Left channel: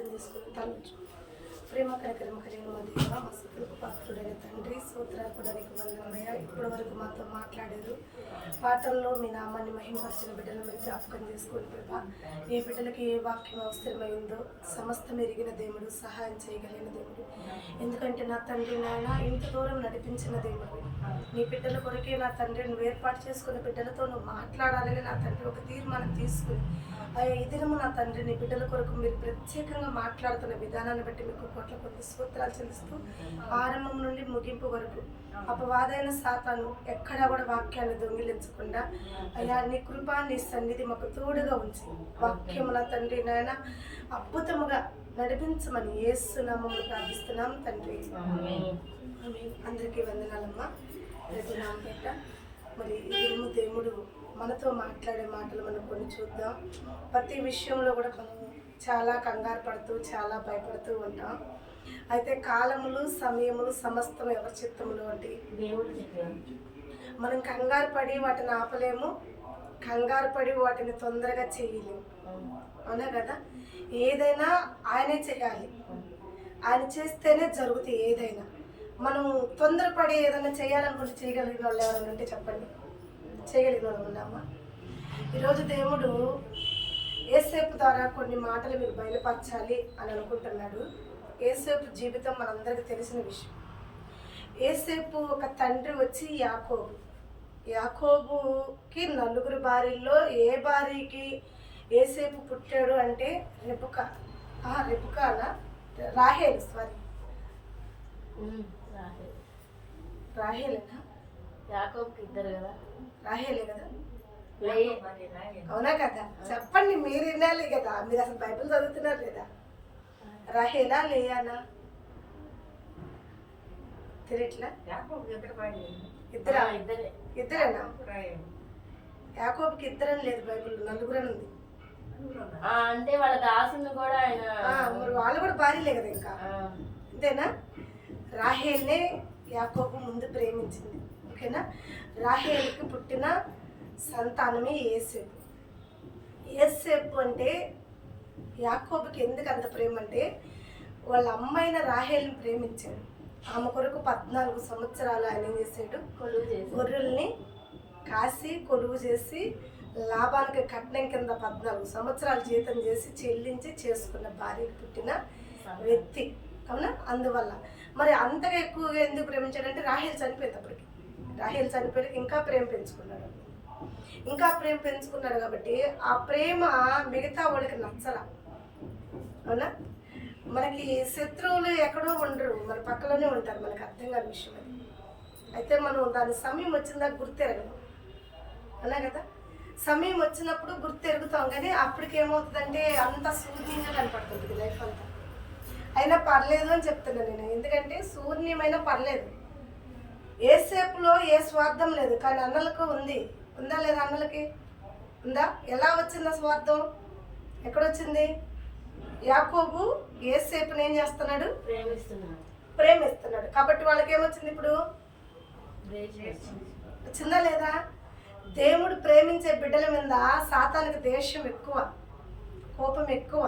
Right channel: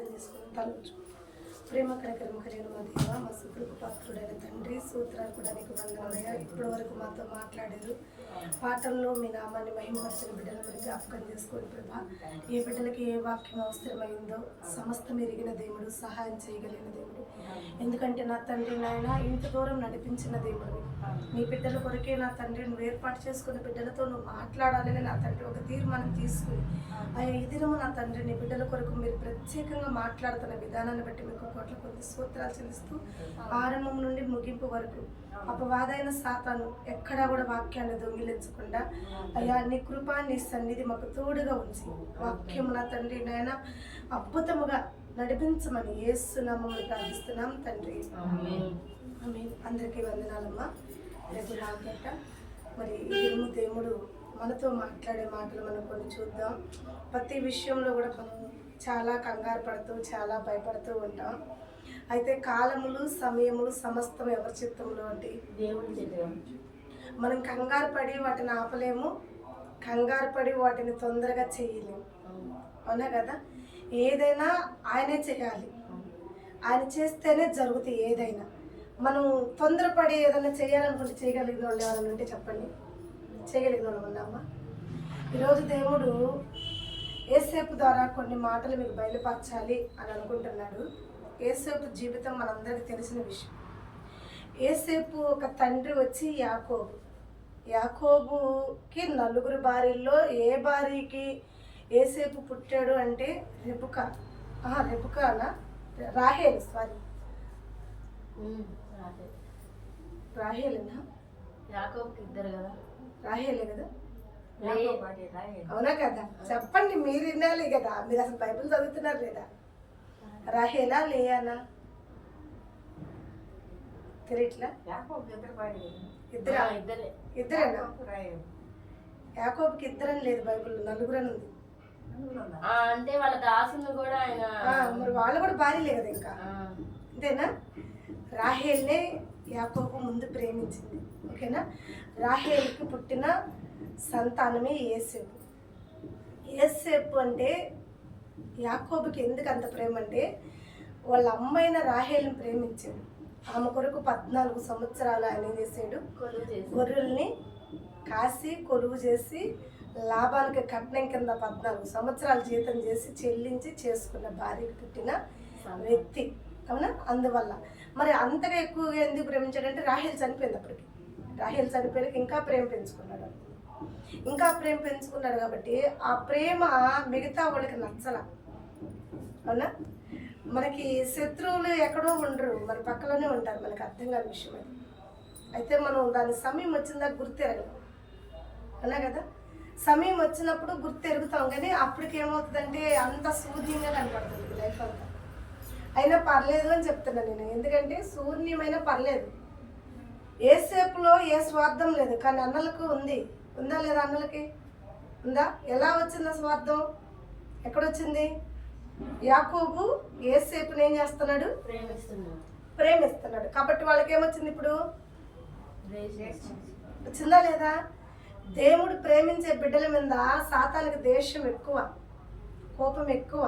చేసుకుని తలచు ప్రేమ కార్యక్రమ కలిగిన మా దేవ మా సుతులకు పాత్రుడైన తండ్రి సూత్రాకుడానికి వందనమయ్య. ఇప్పటి వరకు మాతో మాట్లాడారు. పాటల్లో మీ నామాన్ని మహింపరిచిన బిడ్డలు మీరు జ్ఞాపకం చేసుకోండి ప్రభా. ఏ బిడ్డలకి ఏ వాక్యం అవసరమైందో సమస్తం ఎరిగిన దేవుడు, సహాయం చేయగలిగిన దేవుడు. ఎందుకంటే నా తండ్రి నాయన ఇంత దూరం నడిపించిన దేవుడు. నీ బిడ్డల కొరకే నా తండ్రి నువ్వు ఏర్పాటు చేసుకున్న బిడ్డలతో నువ్వు మాట్లాడాలని నా తండ్రి ఒక తీర్మానం తీసుకుని ఈ దినము నా తండ్రి నీ బిడ్డల కొరకు మీరు ప్రత్యేకంగా మాట్లాడుతున్న విధానాన్ని బట్టి మీకు కోట్ల కొద్ది సూత్రాలు చెల్లిస్తూ ఆరంభం నుండి ముగింపు వరకు అపవాదైన సాతాను ఎక్కడా కూడా వాక్యాన్ని దొంగిలించకుండా అయ్యా నీ కృపా నీ సన్నిధి మాకు తోడుగా ఉంచి వాక్యము నా తండ్రి నాయన అద్భుతముగా నడిపించమని యేసు నామములో ప్రార్థిస్తున్నాం తండ్రి. అందరికీ వందనాలమ్మా. రేపు నామపెట్ట మరి ఇదేమో దేవుడు మనతో మాట్లాడే మాటలు మనం కొన్ని చూద్దాం. ప్రతి విషయంలో కూడా మనం చాలా కంగారు పడుతూ చాలా భయపడుతూ ఉంటాం. అయితే కాలములు సమయములు సమస్తం ఎవరి చిత్తములు అంటే దేవుడు చెప్పారు. మనం కంగారు పడి వాటిని ఆపలేము, కంగారు పడి వాటిని తొందరగా చేయలేము. అవునా కదా? ఏదైనా ఆయనే చేయాలి, ఆయన చేస్తేనే జరుగుతాయి. ఏదైనా మనం తొందరపడి ఏదైనా చేయాలనుకుంటే చేయగలిగిన వాళ్ళు ఎవరైనా ఉంటే చెప్పండి. చేయగలిగిన వాళ్ళు ఉన్నామా? ఈరోజు దేవుడు యేసేపు ద్వారా కొన్ని మాటలు మీకు బయలుపరచాలి అని అనుకుంటున్నాడు. యేసేపు జీవితం మనందరికీ తెలిసిన విషయం. యేసేపు ఒక తండ్రి వచ్చి యాకోబు. యాకోబుకి 4 భార్యల్లో ఏ భార్యకి యేసేపు పుట్టాడు అంటే రాహేలు. సారీ, రాహేలేనా? యాకోబుకి ఇద్దరు కదా, రాహేలే కదా? అవునా కదా? చెప్పండి, మీరు వినాలి కదా, మీరు అసలు బైబిల్ చదువుతున్నారు లేదా? రాహేలా లేయానా తెలియట్లా? ఇద్దరేనా? యాకోబుకి ఇద్దరని లేదు బైబిల్, 4 అని ఉంది. అంటే వాళ్ళ దాసుని కూడా ఆయన మరి వాళ్ళు కూడా భార్యలే కదా ఇంకా, అంతేనా? రాహేల్నే యాకోబు ముందు ప్రేమించింది. ఓకేనా? రాహేల్కి పుట్టిన సంతానమే యేసేపు. యేసేపు అంటే యాకోబుకి ఎందుకు అంత ప్రేమ అంటే వాళ్ళ అమ్మైన రాహేల్ని ప్రేమించాడు. ఆమె కొరకు 14 సంవత్సరాలు ఆయన ఏం చేశాడు? గొర్రెల్ని కాసి కొలువు చేసి లాభానికి కట్నం కింద 14 సంవత్సరాలు జీతం చేసి చెల్లించి చేసుకున్న భార్యకి పుట్టిన వ్యక్తి. అవునా? అందువల్ల మరి అంతగా ఎక్కువగా ఎందుకు ప్రేమించాడంటే రాహేల్ చనిపోయింది. అప్పటికి రాహేల్ చనిపోయాక ఇంకా ప్రేమ పెంచుకున్నాడు కాబట్టి ఆ ప్రేమ మిగతా వాళ్ళకి నచ్చల. అవునా? మనకి శత్రువులు ఎక్కడో ఉండరు, మన పక్కలోనే ఉంటారు. మనకు అర్థం కాని విషయం అది. అయితే మనం దాని సమయం వచ్చిందాక గుర్తెరగడం. అవునా కదా? సమయం వచ్చినప్పుడు గుర్తెరుగుతాం, కానీ అప్పటికేమవుతుందంటే అంత శూన్యంగా కనపడుతుంది లైఫ్ అంతా. అయినా పర్లేదు అని చెప్తున్నాను నేను. ఎందుకంటే శూన్యమైనా పర్లేదు. యేసేపులో ఏ స్వార్థం లేదు, కానీ అన్నలకు ఉంది. ఉందా లేదా? అన్నలకి ఉందా? ఎలా వచ్చింది స్వార్థం? ఎక్కడొచ్చింది? యాకోబు యేసేపుని ఏం చేస్తున్నాడు? ప్రేమిస్తున్నాడు. కాబట్టి వాళ్ళకి ఏమొచ్చింది? ఇప్పుడు వచ్చిందా లేదా? దేవుడు ప్రేమించే బిడ్డల మీద సాతానికి ద్వేషం ఎక్కువ, కోపం ఎక్కువ.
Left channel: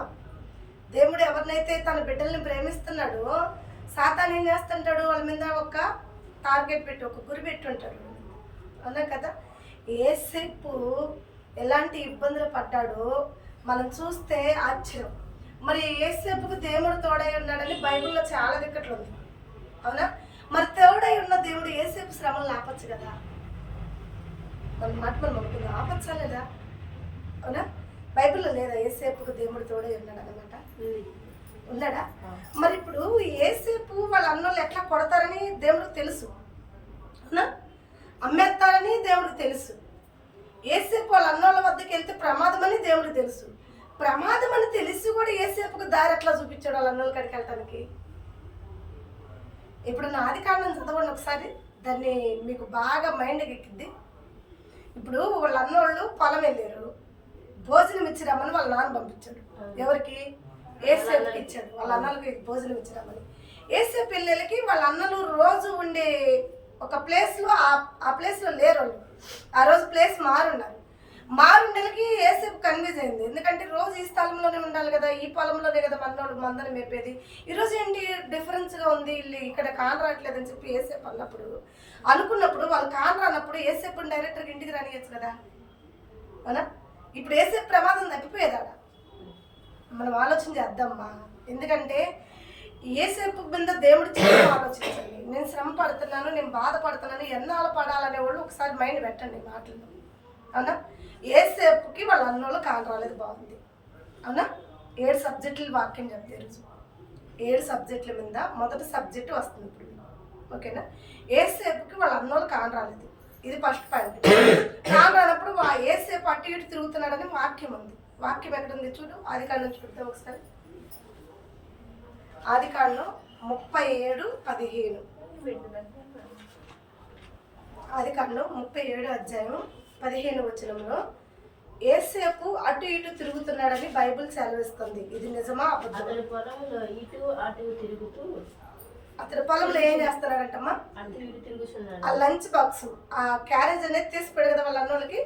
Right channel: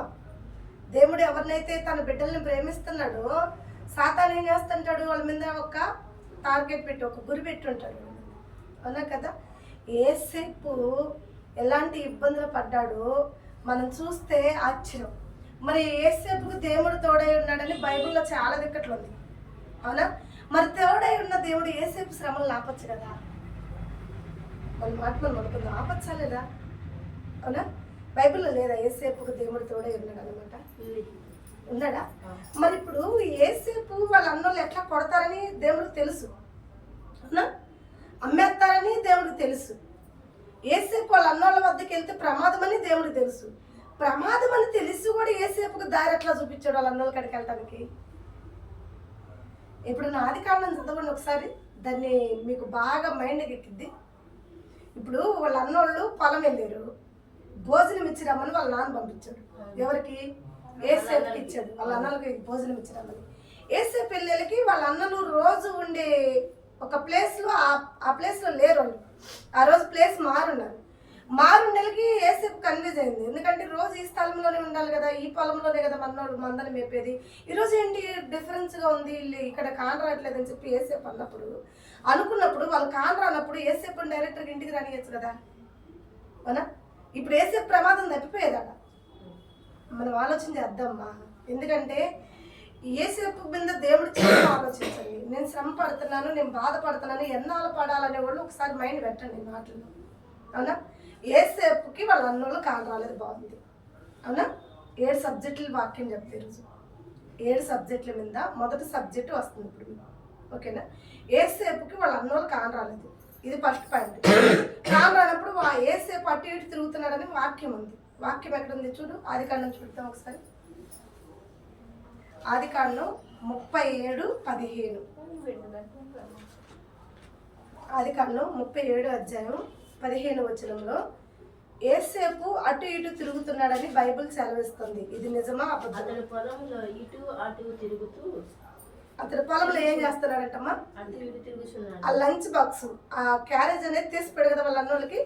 దేవుడు ఎవరినైతే తన బిడ్డల్ని ప్రేమిస్తున్నాడో సాతాను ఏం చేస్తుంటాడు? వాళ్ళ మీద ఒక టార్గెట్ పెట్టి, ఒక గురి పెట్టి ఉంటాడు. అవునా కదా? యేసేపు ఎలాంటి ఇబ్బందులు పడ్డాడో మనం చూస్తే ఆశ్చర్యం. మరి యేసేపుకు దేవుడు తోడై ఉన్నాడని బైబిల్లో చాలా దిక్కట్లు ఉంది. అవునా? మరి తోడై ఉన్న దేవుడు యేసేపు శ్రమలు ఆపచ్చు కదా? మన మాట మనం అనుకుందాం, ఆపచ్చా లేదా? అవునా? బైబిల్లో లేదా యేసేపుకు దేవుడు తోడై ఉన్నాడు అనమాట? ఉన్నాడా? మరి ఇప్పుడు యేసేపు వాళ్ళ అన్నోళ్ళు ఎట్లా కొడతారని దేవుడికి తెలుసు. అవునా? అమ్మేస్తారని దేవుడికి తెలుసు. యేసేపు వాళ్ళ అన్నోళ్ళ వద్దకు వెళ్తే ప్రమాదం అని దేవుడికి తెలుసు. ప్రమాదం అని తెలిసి కూడా యేసేపుకు దారి ఎట్లా చూపించాడు వాళ్ళ అన్నోళ్ళ కాడికి వెళ్ళటానికి? ఇప్పుడు నా ఆదికాండం చదవండి ఒకసారి, దాన్ని మీకు బాగా మైండ్కి ఎక్కిద్ది. ఇప్పుడు వాళ్ళ అన్నోళ్ళు పొలం వెళ్ళారు, భోజనం ఇచ్చిరమ్మని వాళ్ళ నాన్న పంపించాడు. ఎవరికి? యేసేపుకి ఇచ్చాడు. వాళ్ళ అన్నలకి భోజనం ఇచ్చిరమ్మని. యేసేపు పిల్లలకి వాళ్ళ అన్నలు రోజు ఉండే ఒక ప్లేస్లో ఆ ప్లేస్లో లేరు వాళ్ళు. ఆ రోజు ప్లేస్ మారున్నారు. మారు నెలకి ఏసేపు కన్విన్స్ అయింది. ఎందుకంటే రోజు ఈ స్థలంలోనే ఉండాలి కదా, ఈ పొలంలోనే కదా మనోడు మందని మేపేది. ఈరోజు ఏంటి డిఫరెన్స్గా ఉంది, వీళ్ళు ఇక్కడ కాన్ రావట్లేదని చెప్పి ఏసేపు అనుకున్నప్పుడు వాళ్ళు కాన్ రానప్పుడు ఏసేపు డైరెక్టర్గా ఇంటికి రానియచ్చు కదా, అవునా? ఇప్పుడు ఏసేపు ప్రమాదం తప్పిపోయేదాడ. మనం ఆలోచన చేద్దామ్మా. ఎందుకంటే ఏసేపు మీద దేవుడు చాలా ఆలోచించండి. నేను శ్రమ పడుతున్నాను, నేను బాధపడుతున్నాను, ఎన్నాళ్ళు పడాలనే వాళ్ళు ఒకసారి మైండ్ పెట్టండి మాటలు, అవునా? ఏసేపుకి వాళ్ళ అన్నోళ్ళు కాలు రాలేదు, బాగుంది, అవునా? 7 సబ్జెక్టులు వాక్యం చెప్తే ఈరోజు 7 సబ్జెక్టుల మీద మొదటి సబ్జెక్టు వస్తుంది ఇప్పుడు, ఓకేనా? ఏసేపుకి వాళ్ళ అన్నోళ్ళు కాలు రాలేదు, ఇది ఫస్ట్ పాయింట్. కాలు రానప్పుడు ఏసేపు అటు ఇటు తిరుగుతున్నాడని వాక్యం ఉంది. వాక్యం ఎక్కడ ఉంది చూడు, ఆదికాండం చూద్దాం ఒకసారి. ఆదికాండం 37:15. ఆదికాండం 37 అధ్యాయం 15 వచనంలో ఏసేపు అటు ఇటు తిరుగుతున్నాడని బైబిల్ సెలవిస్తుంది. ఇది నిజమా అబద్ధమా? అతని పొలంలో ఇటు అటు తిరుగుతూ, అతని పొలంలో ఏం చేస్తున్నాడంటమ్మా? అటు ఇటు తిరుగుతున్నాడు. ఆ లంచ్ బాక్స్, ఆ క్యారేజ్ అనేది తీసిపోయాడు కదా వాళ్ళ అన్నోళ్ళకి.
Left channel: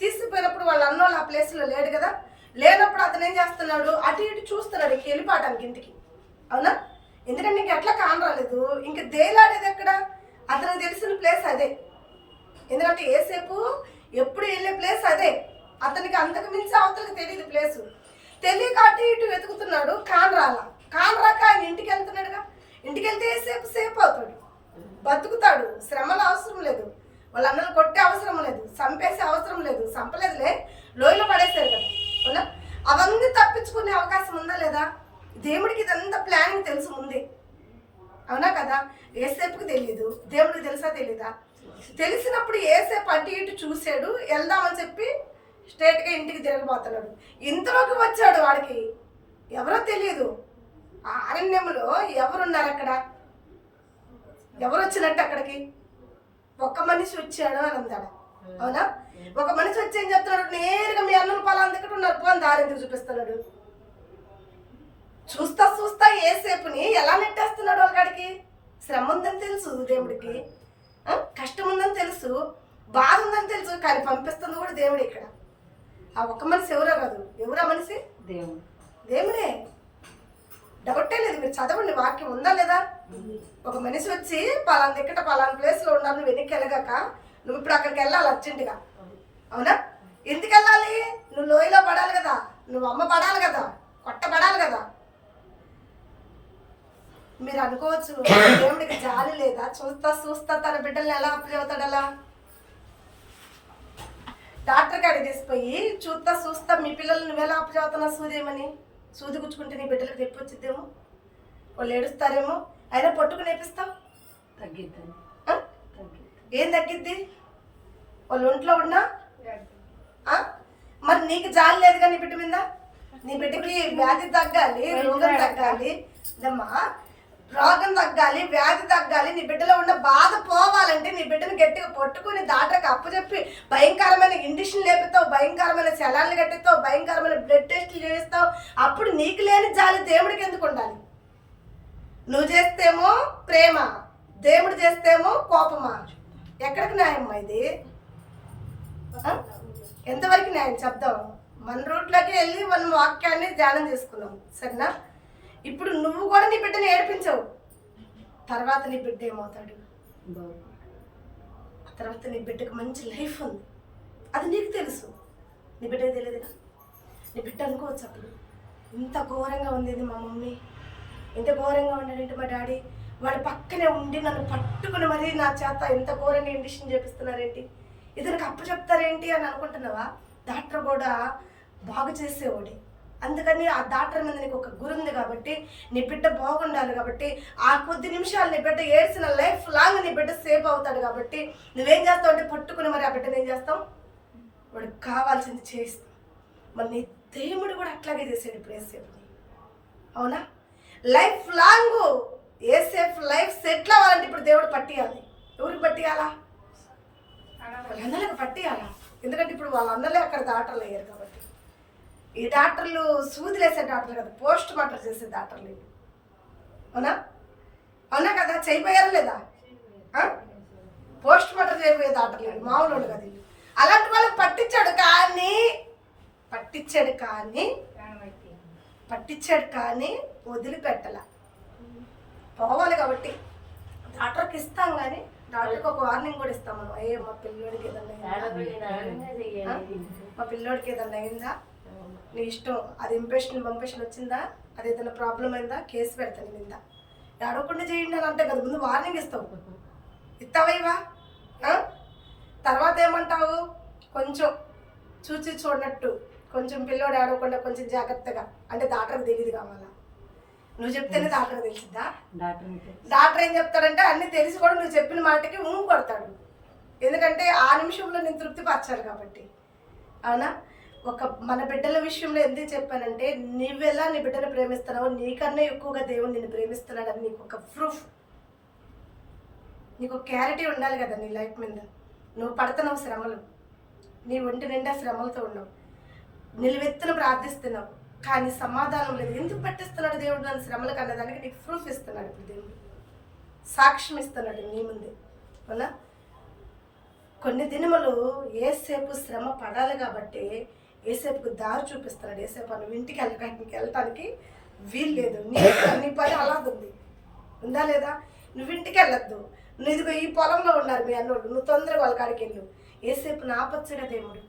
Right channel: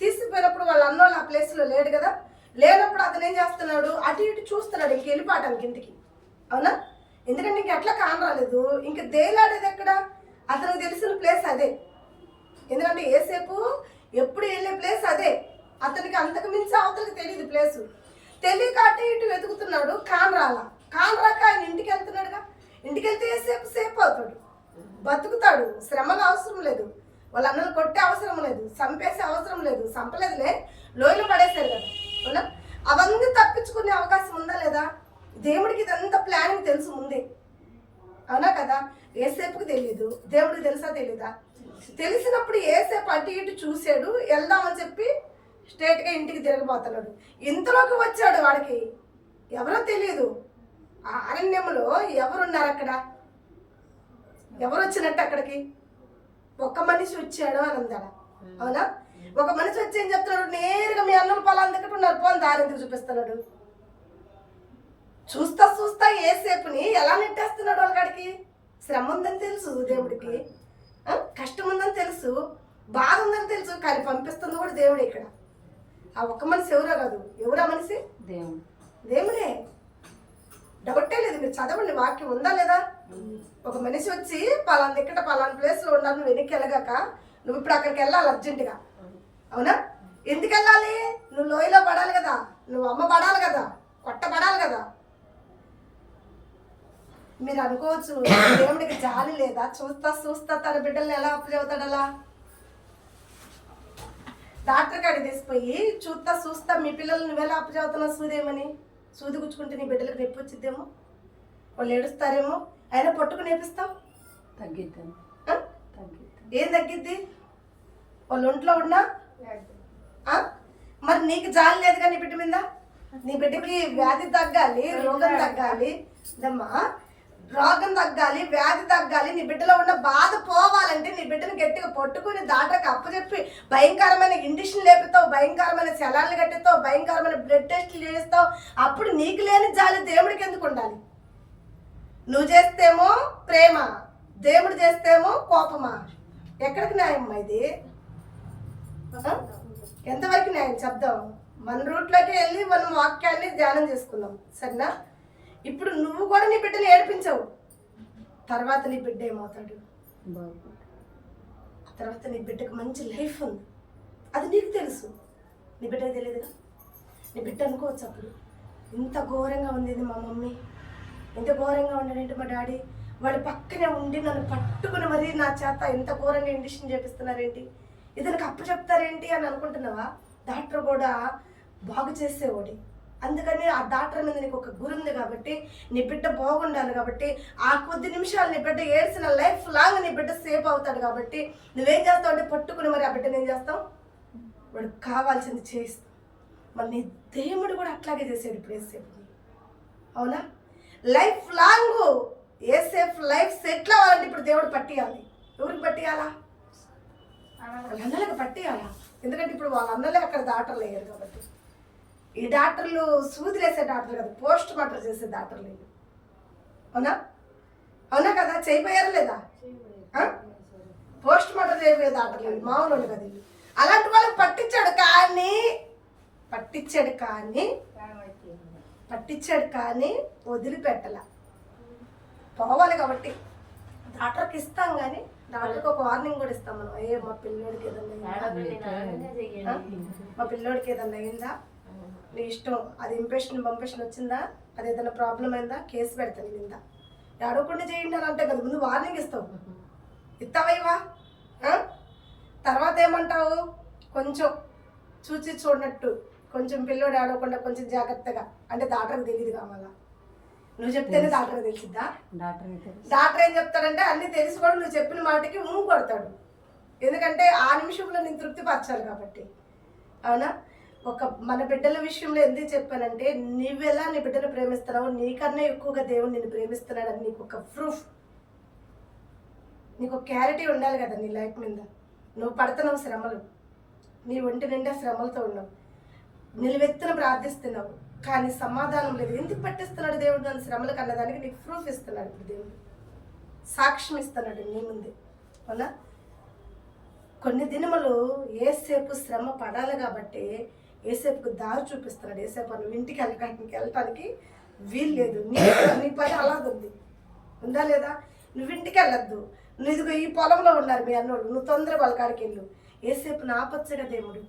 తీసుకుపోయినప్పుడు వాళ్ళ అన్నోళ్ళు ఆ ప్లేస్లో లేడు కదా, లేనప్పుడు అతను ఏం చేస్తున్నాడు? అటు ఇటు చూస్తున్నాడు, ఇంక వెళ్ళిపోవటానికి ఇంటికి, అవునా? ఎందుకంటే ఇంక ఎట్లా కాన్ రాలేదు, ఇంక దేలాడేది ఎక్కడ? అతనికి తెలిసిన ప్లేస్ అదే. ఎందుకంటే ఏసేపు ఎప్పుడు వెళ్ళే ప్లేస్ అదే, అతనికి అంతకు మించి అవతలకి తెలియదు ప్లేసు. తెలియక అటు ఇటు వెతుకుతున్నాడు, కాన్ రాక ఆయన ఇంటికి వెళ్తున్నాడుగా. ఇంటికి వెళ్తే ఏసేపు సేపు అవుతాడు, బతుకుతాడు, శ్రమలు అవసరం లేదు, వాళ్ళ అన్నలు కొట్టే అవసరం లేదు, చంపేసే అవసరం లేదు, చంపలేదులే, లోయలో పడేశారు కదా, అవునా? అవన్నీ తప్పించుకునే అవకాశం ఉందా లేదా? దేవుడికి ఇదంతా ప్లానింగ్ తెలుసు ముందే, అవునా కదా? ఏసేపుకి తెలియదు, దేవుడికి తెలుసా తెలీదా? తెలిసినప్పుడు ఏసేపు అటు ఇటు చూశాడు, వెళ్దామని చెప్పి స్ట్రైట్గా ఇంటికి తిరగబోతున్నాడు. ఇంతలోకి వచ్చాడు, వాడికి ఎవరో తెలియదు. ఆ అరణ్యంలో ఎవరున్నారు అక్కడ? ఎవరు వచ్చినట్టు అక్కడికి? ఒక్క మనిషి వచ్చాడు అని అందాడ, అవునా? ఒక మనిషి వచ్చి ఏం చెప్తున్నాడు? నేరుగా మీ అన్నం పొలాన్ని దగ్గర ఉన్నారు పో అని దారి ఎందుకు చూపిస్తున్నాడు? చూస్తా ఏసేపుని ఎలా నెట్టేస్తున్నాడు వాళ్ళకాడికి? శ్రమ ఉందని తెలుసు దేవుడికి, కష్టం ఉందని తెలుసు, బాధ ఉందని తెలుసు, కానీ పంపిస్తుంది కూడా దేవుడే. ఇక్కడ ఆ ఒక్క మనిషి ఎవరో కాదు, ఎవరా మనిషి? దేవుడే. డౌటే లేదు, మీరు చదవండి, వాక్యం ఉందా లేదా? ఒక మనిషి వచ్చి పలానా దిక్కట పలానా ప్లేస్లో ఉండాలి, నువ్వు వెనక్కి వెళ్ళగాక నువ్వు ఇప్పుడు అక్కడికి వెళ్ళాలి అర్జెంటుగా, అవునా? ఎందుకు వెళ్ళాలి? నువ్వు లోయలో పడాలి కదా, నువ్వు అమ్మ పడాలి కదా, కొట్టబడాలి కదా. మీరు అనుకోవచ్చు దేవుడికి జాలి లేదా? చూస్తా తన బిడ్డల్ని ఎలా అప్పు చదువుతాడు? అలా డాక్టర్ కాడికి తీసిపోయి చూస్తా మీ పిల్లలు నువ్వెలా అప్పు చదువుతున్నావు సూదేమని, సూది గుచ్చుకుంటే నీ బిడ్డలకు నొప్పి వచ్చిద్దేమో, వాళ్ళు ఏడుస్తారేమో, అయినా పట్టుకు నేపిస్తావు, తగ్గిద్ది. ఏం తగ్గిద్ది? వాళ్ళు ఒంట్లో ఉన్నా మరి నీకు జాలి లేదు కానీ నీ బిడ్డ మీద. నీ బిడ్డకి వ్యాధి తగ్గాలి, రోగం తగ్గాలి, రోగం తగ్గాలి, వ్యాధి తగ్గాలి, నీ బిడ్డలో ఉన్న బాధ పోవాలంటే నీ బిడ్డను గట్టిగా పట్టుకుని డాక్టర్కి అప్పచెప్పి భయంకరమైన ఇండిషన్ లేపుతావు, భయంకరమైన శలాన్ని కట్టిస్తావు, భయంకరమైన బ్లడ్ టెస్టులు చేయిస్తావు. అప్పుడు నీకు లేని జాలి దేవుడికి ఎందుకు ఉండాలి? నువ్వు చేస్తేమో ప్రేమ, దేవుడు చేస్తేమో కోపమా? ఎక్కడికి న్యాయమ్మా ఇది? ఎంతవరకు న్యాయం చెప్దాం? మన రూట్లోకి వెళ్ళి మనం వాక్యాన్ని ధ్యానం చేసుకున్నాం, సరేనా? ఇప్పుడు నువ్వు కూడా నీ బిడ్డని ఏడిపించవు, తర్వాత నీ బిడ్డ ఏమవుతాడు? తర్వాత నీ బిడ్డకు మంచి లైఫ్ ఉంది, అది నీకు తెలుసు, నీ బిడ్డకు తెలియదుగా. నీ బిడ్డ అనుకోవచ్చు అప్పుడు, ఇంత ఘోరంగా ఉంది మా మమ్మీ, ఇంత ఘోరంగా ఉన్నాడంటే మా డాడీ, వాడి పక్కనే ఉండి నన్ను పట్టుకుని మరీ నా చేత ఎంత ఘోరంగా ఇండిషన్ చేపిస్తున్నారేంటి, ఇతనికి అప్పు చెప్తారేంటి అని అనుకుంటున్నావా? డాక్టర్ కూడా బాగు చేసేవాడే, అందుకని ఆ డాక్టర్ మీద నీకు ఒక గురి ఉంది కాబట్టి, నీ బిడ్డ బాగుండాలి కాబట్టి, ఆ కొద్ది నిమిషాలు నీ బిడ్డ ఏడ్చిన లైఫ్ లాంగ్ నీ బిడ్డ సేఫ్ అవుతాడు కాబట్టి నువ్వేం చేస్తావు అంటే పట్టుకుని మరి ఆ బిడ్డను ఏం చేస్తావు? వాడికి కావాల్సింది చేయిస్తావు. మరి నీ దేవుడు కూడా అట్లాగే చేసాడు ఇప్పుడు ఏసేపుని, అవునా? లైఫ్ లాంగ్ ఏసేఫ్ లైఫ్ సెటిల్ అవ్వాలంటే ఇప్పుడు దేవుడు పట్టియాలి. ఎవరికి పట్టియాలా? వాళ్ళ అన్నలకు పట్టియాలా? ఎందుకంటే ఇప్పుడు వాళ్ళ అన్నలే అక్కడ డాక్టర్లు అయ్యారు కాబట్టి. ఈ డాక్టర్లు సూదులు వేసే డాక్టర్లు కదా, పోస్ట్ మార్టం చేసే డాక్టర్లు, అవునా కదా? చేయిపోయారా లేదా? పోస్ట్ మార్టం చేయబోయే డాక్టర్లు మామూలు కదా వీళ్ళు. అలాంటి వాళ్ళకి పట్టించాడు కానీ వదిలిపెట్టల. పోవాలి కాబట్టి డాక్టర్కి ఇస్తాం, కానీ డాక్టర్కి ఒక వార్నింగ్ కూడా ఇస్తాం మనం. మా పిల్లోడికి ఏదన్నా అయిందా, మా పిల్లోడికి ఏదన్నా అయిందా, నీ ఇష్టం, అది పంపేషన్ వచ్చిందా, అది ఏదైనా ప్రాబ్లం అయిందా, కేసు పెడతాను నిందా, అడగకుండా చేయండి అని అంటే కదా ముందు వార్నింగ్ ఇస్తావా? తర్వాత ఏమంటావు, కొంచెం చూడనట్టు, కొంచెం పిల్లోడు ఆడకుండా కొంచెం జాగ్రత్తగా, అంటే డాక్టర్కి తెలియదు కావాలా, నువ్వు చెప్తేనే డాక్టర్కి తెలిసిద్దా? డాక్టర్ ఏం చెప్తాడంటే అన్నీ తెలిసి కూడా నువ్వు చెప్పిన మాటకి కొడతాడు. ఎందుకంటే ఆ నిమిషంలో నేను తృప్తిపరచాలి కాబట్టి. అవునా? మన బిడ్డల విషయంలో ఎందుకు చెప్పానంటే, నువ్వెలా నీ బిడ్డను ప్రేమిస్తున్నావో నీకన్నా ఎక్కువగా దేవుడు నిన్ను ప్రేమిస్తున్నాడని నీకు ఒక ప్రూఫ్, నీకు క్లారిటీ ఉండాలి కదా నీ లైఫ్ మీద. నువ్వు పడుతున్నావు శ్రమలు, నీ ఒంటి నిండా శ్రమలతో ఉన్నావు, నిలువెత్తున ప్రార్థిస్తున్నావు, కానీ సమాధానం లేదు. ఎందుకు పట్టిస్తున్నాడు దేవుడు నన్ను శ్రమలకు అన్నదానికి నీకు ప్రూఫ్ ఇస్తున్నాడు. ఇప్పుడు దేవుడు సాక్ష్యం ఇస్తున్నాడు నీ ముందే. అవునా? కొన్ని దినములు ఏసేపు శ్రమ పడాలి కాబట్టి ఏసేపుకు దారి చూపిస్తున్నాడు. ఏసేపు నువ్వు ఇంటికి వెళ్ళటానికి వీలు లేదు, నీ పని అలాగుంది, ఉందా లేదా? నువ్వు ఇంటికి వెళ్ళొద్దు, నువ్వు ఇదిగో ఈ పొలంలో ఉన్నారు మీ అన్నోళ్ళు, నువ్వు తొందరగా వాళ్ళ కాడికి వెళ్ళు. ఏసేపు నాపచ్చుగా దేవుడు,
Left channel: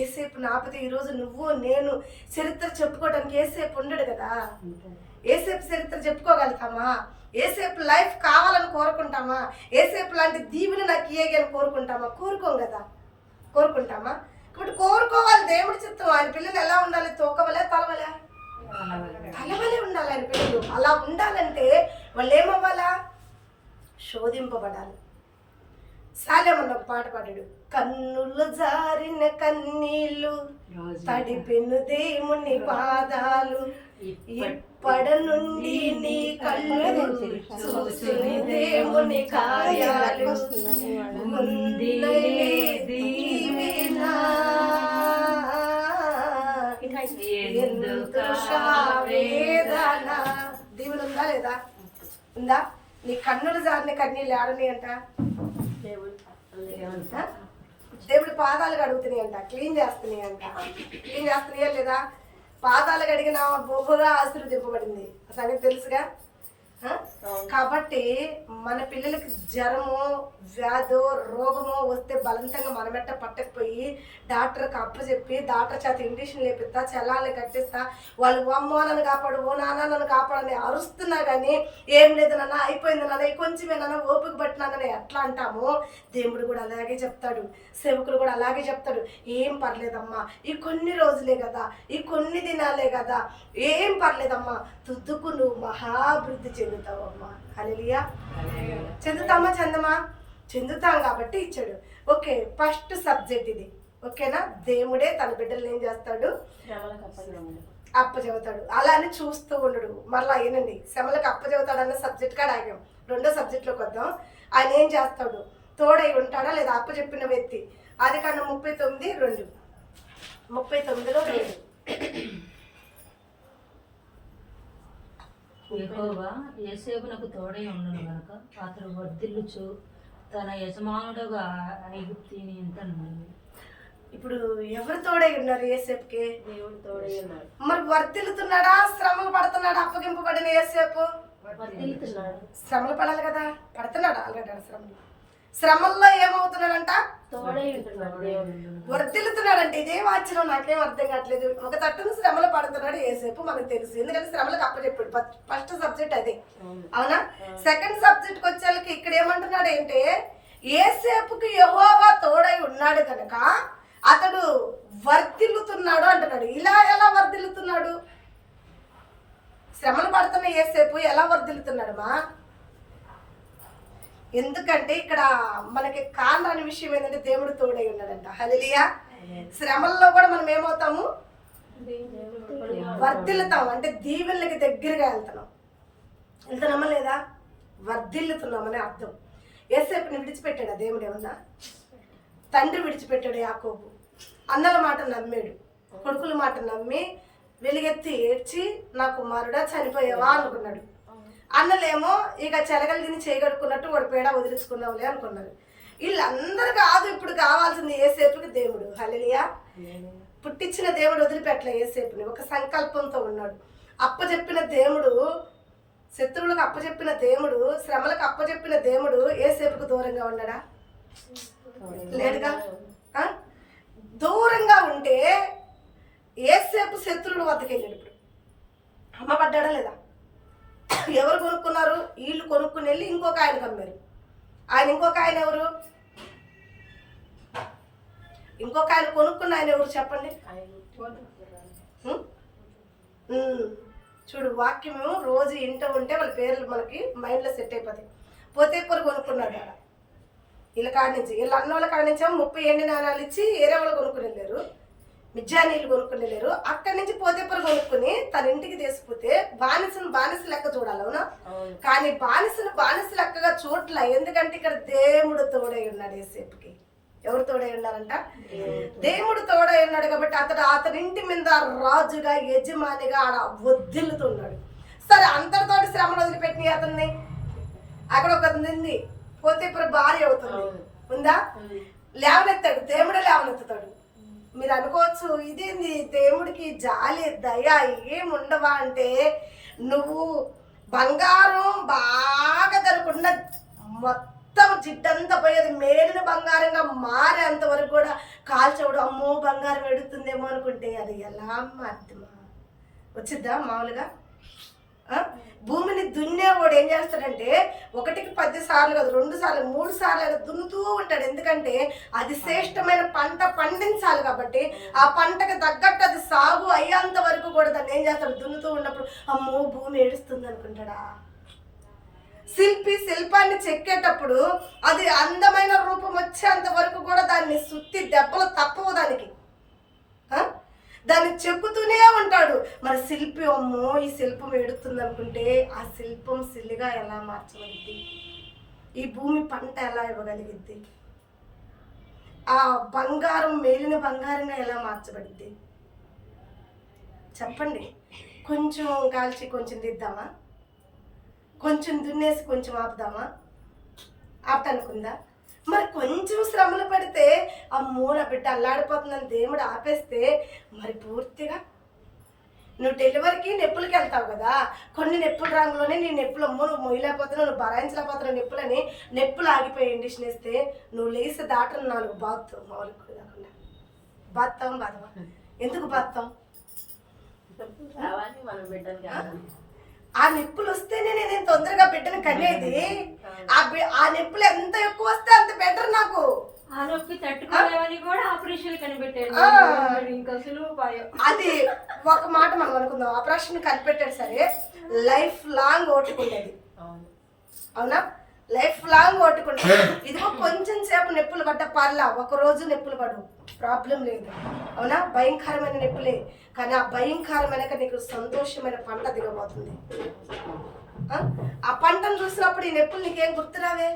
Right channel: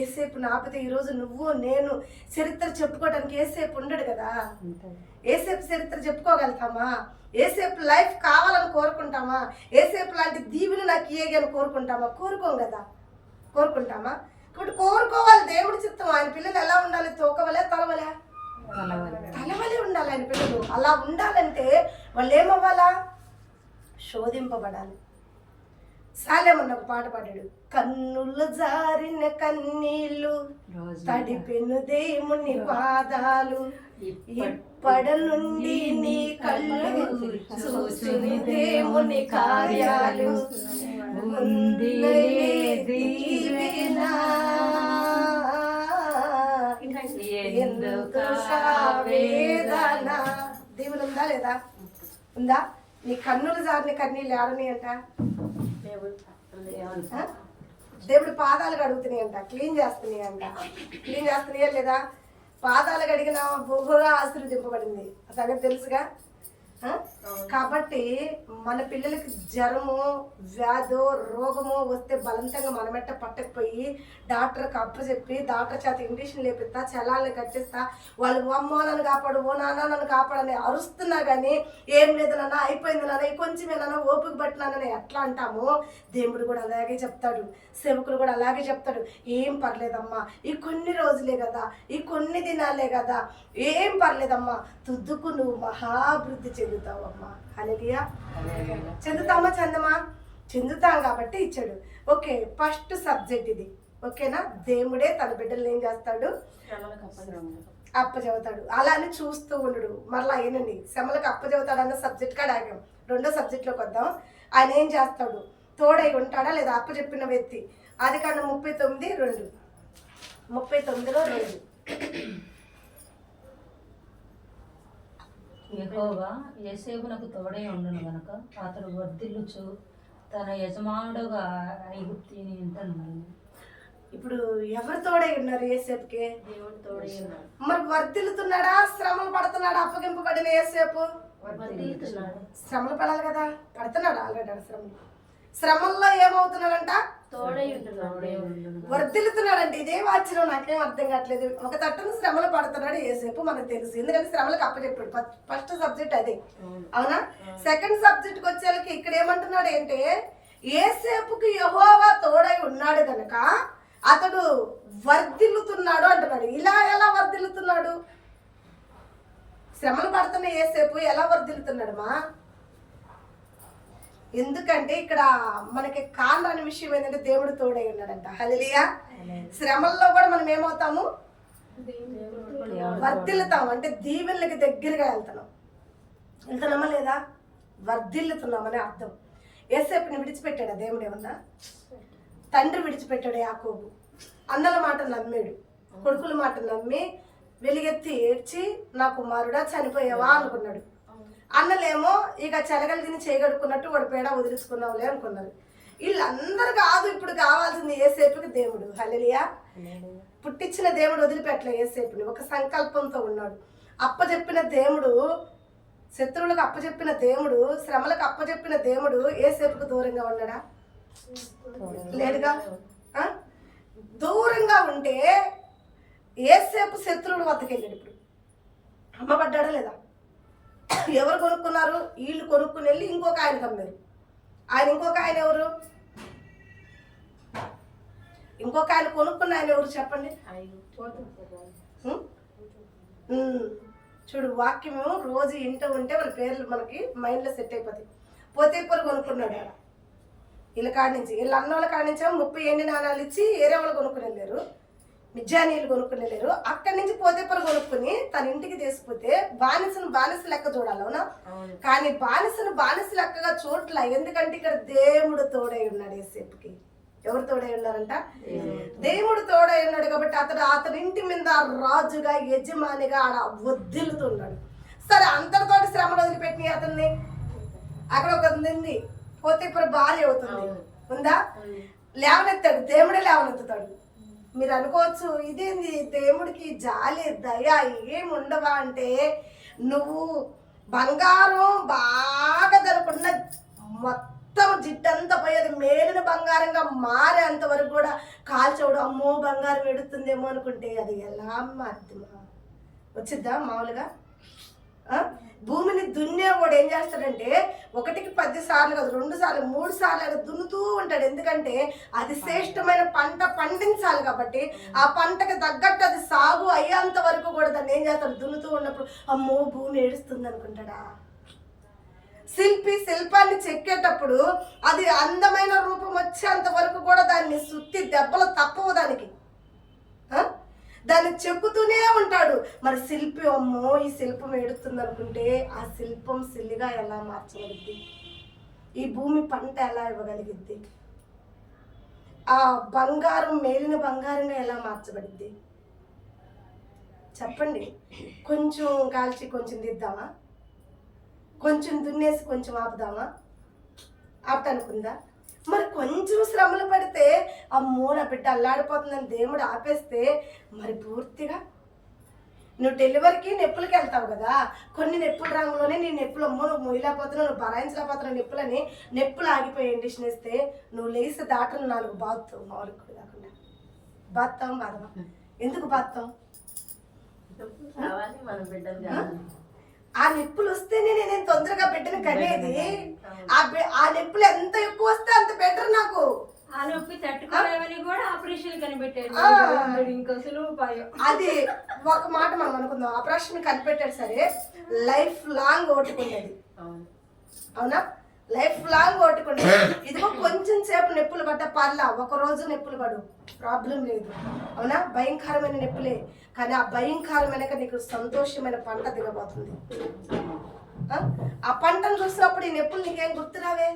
ఏసేపు నాపితే ఈరోజు నువ్వు నేను చరిత్ర చెప్పుకోవడానికి ఏసేపు ఉండడు కదా. ఏసేపు చరిత్ర చెప్పుకోగలుగుతామా? ఏసేపు లైఫ్ కావాలని కోరుకుంటామా? ఏసేపు లాంటి దీవుని నాకు ఇయ్యని కోరుకుంటామా? కోరుకుంటామా? కాబట్టి కోరుకోవాలి, దేవుడి చిత్తం. ఆయన పిల్లలు ఎలా ఉండాలి? తోకవలే తలవలే? తలవలే ఉండాలి ఆయన పిల్లలు. అలా ఉండాలంటే వాళ్ళు ఏమవ్వాలా? శోధింపబడాలి. సాలెమన్న ఒక పాట పాడాడు, కన్నులు జారిన కన్నీళ్ళు తడిపెను దేవుని పాదాలు, ఇప్పటి నుండి నీ కళ్ళు చూసిన దేవుని కార్యాలు, దేవుడు ఉందా లేదా? ఉందా? నీ కన్నులు జారిన కన్నీళ్ళు ఆడని అంట, దేవుడి పాదాలు కడుగుతున్నాయి అంట, క్లీన్ చేస్తున్నాయా లేదా? పాదాలు కడిగిన బహుగా ఆశీర్వదింపబడింది, సంగతి తెలుసుగా. కాబట్టి మన పిల్లలకి జ్వరము, వ్యాధో, రోగమో వస్తే బలవంతంగా మనమెట్ట పట్టకపోయి డాక్టర్కి అప్పచెప్పి డాక్టర్ చేత ఇంజక్షన్ లేపిస్తా, చలాలను కట్టిస్తా, వాళ్ళు అమ్మో నన్ను కాపాడు, ఓ నాన్న నన్ను కాపాడని అరుస్తున్నా కానీ ఏం లేదు నాన్న, అయిపోయింది నాన్న, కొంచెమేనా ఓపిక పట్టినానని ఎట్లా అంటామో, దేవుడు కూడా అలాగే చెప్తాడు, సేవకులు కూడా అలాగే చెప్తాడు. ఏం పర్లేదమ్మా, ఈ కొన్ని రోజులే కదా, ఈ కొన్ని దినాలే కదా, ఏం పర్లేదమ్మా, తుద్దుకు నువ్వు మహాభివృద్ధి చెందుతావమ్మా. హల్లెలూయా. చెందుతాం కాబట్టి ఇచ్చాడు. ఓకే, ఫస్ట్ సబ్జెక్ట్ ఇది. ఓకేనా? దేవుడే తన బిడ్డలు ఏం చేస్తాడు? అప్పచెబుతాడు. అలా అని చూస్తూ ఉండడు. మరలా ఏనండి, శ్రమలకు అప్పచెబుతాడు అన్న సబ్జెక్ట్ కాడ ఆగాం. రెండో సబ్జెక్ట్లోకి వద్దాం. ఆయన ఏం చేస్తాడు? తోడై ఉంటాడా లేదా? అప్పచెప్పిన వ్యక్తి. ఆదికాండం 39:2. 39:2. యెహోవా యోసేపునకు తోడై ఉండును గనుక అతడు వర్ధిల్లుచు తన యజమానుడుగా ఐగుప్తిని ఇంట నుండెను. ఇప్పుడు ఎవరు తోడై ఉన్నారు యోసేపుకి? దేవుడు తోడై ఉన్నాడు. మరి వర్ధిల్లుతున్నాడా? శ్రమలు పడుతున్నాడా? అప్పగింపబడిన యోసేపు శ్రమలు పడాలి కదా, పడుతున్నాడు ఆల్రెడీ. శ్రమల్లో ఏమవుతున్నాడంట? తోడై ఉంటున్నాడు. వర్ధిల్లుతున్నాడంటే ఇదేం ఆశ్చర్యం, నాకేం అర్థం కావట్లేదు. ఒక తట్టును శ్రమలు పడుతున్నాడు యేసేపు, మనకు తెలుసు, ఎందుకంటే శ్రమలకు అప్పచెప్పాడు. ఫస్ట్ సబ్జెక్ట్ అదే, అవునా? సెకండ్ సబ్జెక్ట్కి వచ్చేళ్ళకి ఇక్కడ ఏమంటున్నాడు అంటే, యేసేపుకి యెహోవా తోడై ఉన్నాడు కనుక అతడు వర్ధిల్లుతున్నాడు అంటున్నాడు. ఇలా ఎలా వర్ధిల్లుతున్నాడు? శ్రమలు పడుతున్న యేసేపు ఎలా వర్ధిల్లుతున్నాడు మా? ఎందుకంటే ఇక్కడ మనకి కారణాన్ని విషయం ఏంటంటే దేవుడు తోడై ఉన్నాడంట. హల్లెలూయా. శ్రమల్లో కూడా మనం ఏమవుతాము? వర్ధిల్లుతాం. అంటే దీవెనలకి దగ్గరగా వెళ్తున్నామా లేదా? వర్ధిల్లుతున్నామని అర్థం. యేసేపుని విడిచిపెట్టాడా దేవుడు? ఏమన్నా? తండ్రి విడిచిపెట్టాడు యాకోబు. అన్నల మాట నమ్మాడు, కొడుకుల మాట నమ్మి వెలిగెత్తి ఏడ్చి నా కుమారుడా చనిపోయావా అనుకున్నాడు. అన్నలేమో ఇక చెలగలు తిని చేయగడుకున్నట్టు వాడు పేడ వదిలించుకున్నావులే అనుకున్నారు. వీళ్ళందరూ కాదు, ఇప్పుడు కావాల్సింది ఏసేపుకి దేవుడు. హల్లెలూయా. పుట్టించిన దేవుడు వదిలిపెట్టలే ఏసేపుని, ఒక సంకల్పంతో ఉన్నాడు. అప్పచెప్పిన దేవుడు, శత్రువులకు అప్పచెప్పిన దేవుడు, శ్రమలకు అప్పచెప్పిన దేవుడు ఏసేపుకు దూరంగా ఉన్నాడా? లేడుగా. దూరంగా ఉంటే ఏసేపు శత్రువుల వద్దకు వెళ్ళాడు. ఇప్పుడు అమ్మబడ్డాడా లేదా? ఎవరు కొనుక్కున్నారు? వీళ్ళు కొనుక్కుని వెళ్ళి ఇంకొక ఆయనకు అమ్మారు. ఇంకొక ఆయన ఎవరు? ఇంకొక ఆయన కొనుక్కున్న ఆయన ఎవరు చెప్పండి? చూడు, వాక్యమేమో రోజు ఇంట ఉంటే వాళ్ళ పేర్లు మనకి మైండ్లో సెట్ అయిపోతాయి. పోతేపూర కొనుక్కున్నాడు ఆడ, వీళ్ళ కాడి నుంచి, వీళ్ళ అన్నోళ్ళ కాడి నుంచి 30 ఎండి నాణాలు ఇచ్చి ఏరే వాళ్ళు కొనుక్కుని వెళ్ళారు, మిజ్జానీళ్ళు కొనుక్కుని వెళ్ళారు. అక్కడి నుంచి పోతేపూర కొనుక్కుని తన ఇంటికి తీసుకుపోతే బానిసను బానిస లెక్క చూడాలి, అవునా? కానీ బానిసను బానిస లెక్కగా చూడలే. ఎందుకంటే ఇక్కడ దేవుడు తోడై ఉన్నాడు ఏసేపుకి. ఎవరు తోడై ఉన్నారంట? దేవుడు తోడై ఉన్నాడు. కాబట్టి అతని ఇంటి మీద రాజుగా, యజమానిగా ఆడ వద్దిల్లుతున్నాడు. సరే, అంతటితోటి శ్రమను వదిలిపెట్టిన అతన్ని అక్కడ ఒక ఉంది, పోతేపూర భార్య అవుతుంది, ఉందా? లేవనెత్తాడు, దేవుడే లేవనెత్తుతాడు. మీరు అనుకోవచ్చు, ఇదేంది దేవుడికి జాలి దయ ఏముండవా అంటే, నువ్వు బంగారం బాగా దొరకకుండా మొత్తం జిడ్డంతా పోయేది మేలిన బంగారంగా మారేంత వరకు కూడా కాల్చవడం, అమ్మో బంగారం ఎడుతుందేమో అనుకుంటే అది ఎలా మారుతుందా? వచ్చిద్దా మామూలుగా? భూమిని దున్నేవాడు ఏం చేస్తాడంటే 1కి 10 సార్లు కాదు, 2 సార్లు 3 సార్లు అయినా దున్నుతూ ఉంటాడు. ఎందుకంటే అది శ్రేష్టమైన పంట పండించాలి కాబట్టి, ఆ పంటకు తగ్గట్టు అది సాగు అయ్యేంత వరకు కూడా దాన్ని ఏం చేస్తాడు? దున్నుతూ ఉన్నప్పుడు అమ్మో భూమి ఏడుస్తుంది అనుకుంటాడా? శిల్పి శిల్పాన్ని చెక్కేటప్పుడు అది అందమైన రూపం వచ్చేంత వరకు కూడా దాన్ని సుత్తి దెబ్బలు తప్పవు దానికి, దాన్ని చెక్కుతూనే ఉంటాడు. మరి శిల్పి అమ్మో ఈ శిల్పం ఏడుతుంది అనుకుంటే ఆ శిల్పం సిల్లిగా ఎలా మార్చగలిగిద్ది? ఈ భూమి పంట ఎలా ఇవ్వగలిగిద్ది? ఆ బంగారం మేలిన బంగారంగా ఎలా మార్చబడిద్ది? చెప్పండి. కొంచెం కాల్చి కొంచెం దిద్దామా? కొంచెం దున్నేసి కొంచెం ఆపుదామా? ఆపటానుకుందా? మరి కొంచెం శ్రమలు పడితే అమ్మో నా బిడ్డ అల్లాడిపోతుందని దేవుడు ఆపేస్తే మరి పూర్తిగా నువ్వు డెలివరీకి నొప్పులకి వెళ్తావు కదా, కొన్ని నొప్పుల రంగులోనే నీ నొప్పులు అమ్మో నువ్వు మొయ్యలేకపోతున్నావు, నువ్వు భరాయించలేకపోతున్నావు నొప్పులని, నొప్పులు ఆగిపోయి ఇండిషన్ వేస్తే నువ్వు లేసి దాటను 4 బాత్తావు. మామూలుగా కూడా కాకుండా బాత్తాం బాధవా? ఎందుకు బాత్తాం? ఆ నొప్పులు వస్తేనే నేను తొందరగా బిడ్డను కనేది. ఆ నొప్పులు ఎంత ఎక్కువ వస్తే అంత బెటర్ నాకు. ఆ నొప్పి తట్టుకోలేవని కూడా ఆపరేషన్ కనిపెట్టాడు. అది ఒక మాట మనం అనుకుందాం, ఆపరేషన్ కనిపెట్టాడు సరే, లైఫ్ లాంగ్ ఓటుకుండేది, అవునా? లైఫ్ లాంగ్ ఓటుకుండేది. ఇదిగో కొంచెం సేపు నొప్పులు పడ్డ పర్లా, ఒక రోజు నొప్పులు పడు, ప్రాబ్లం లేదు, అవునా? భయంకరమైన నొప్పులే, కానీ ఆ భయంకరమైన నీకు సంతోషమైన పంట దిగబోతుంది. ఆ పంటను చూసినప్పుడు ఈ నొప్పులు నీకేం గుర్తురావే?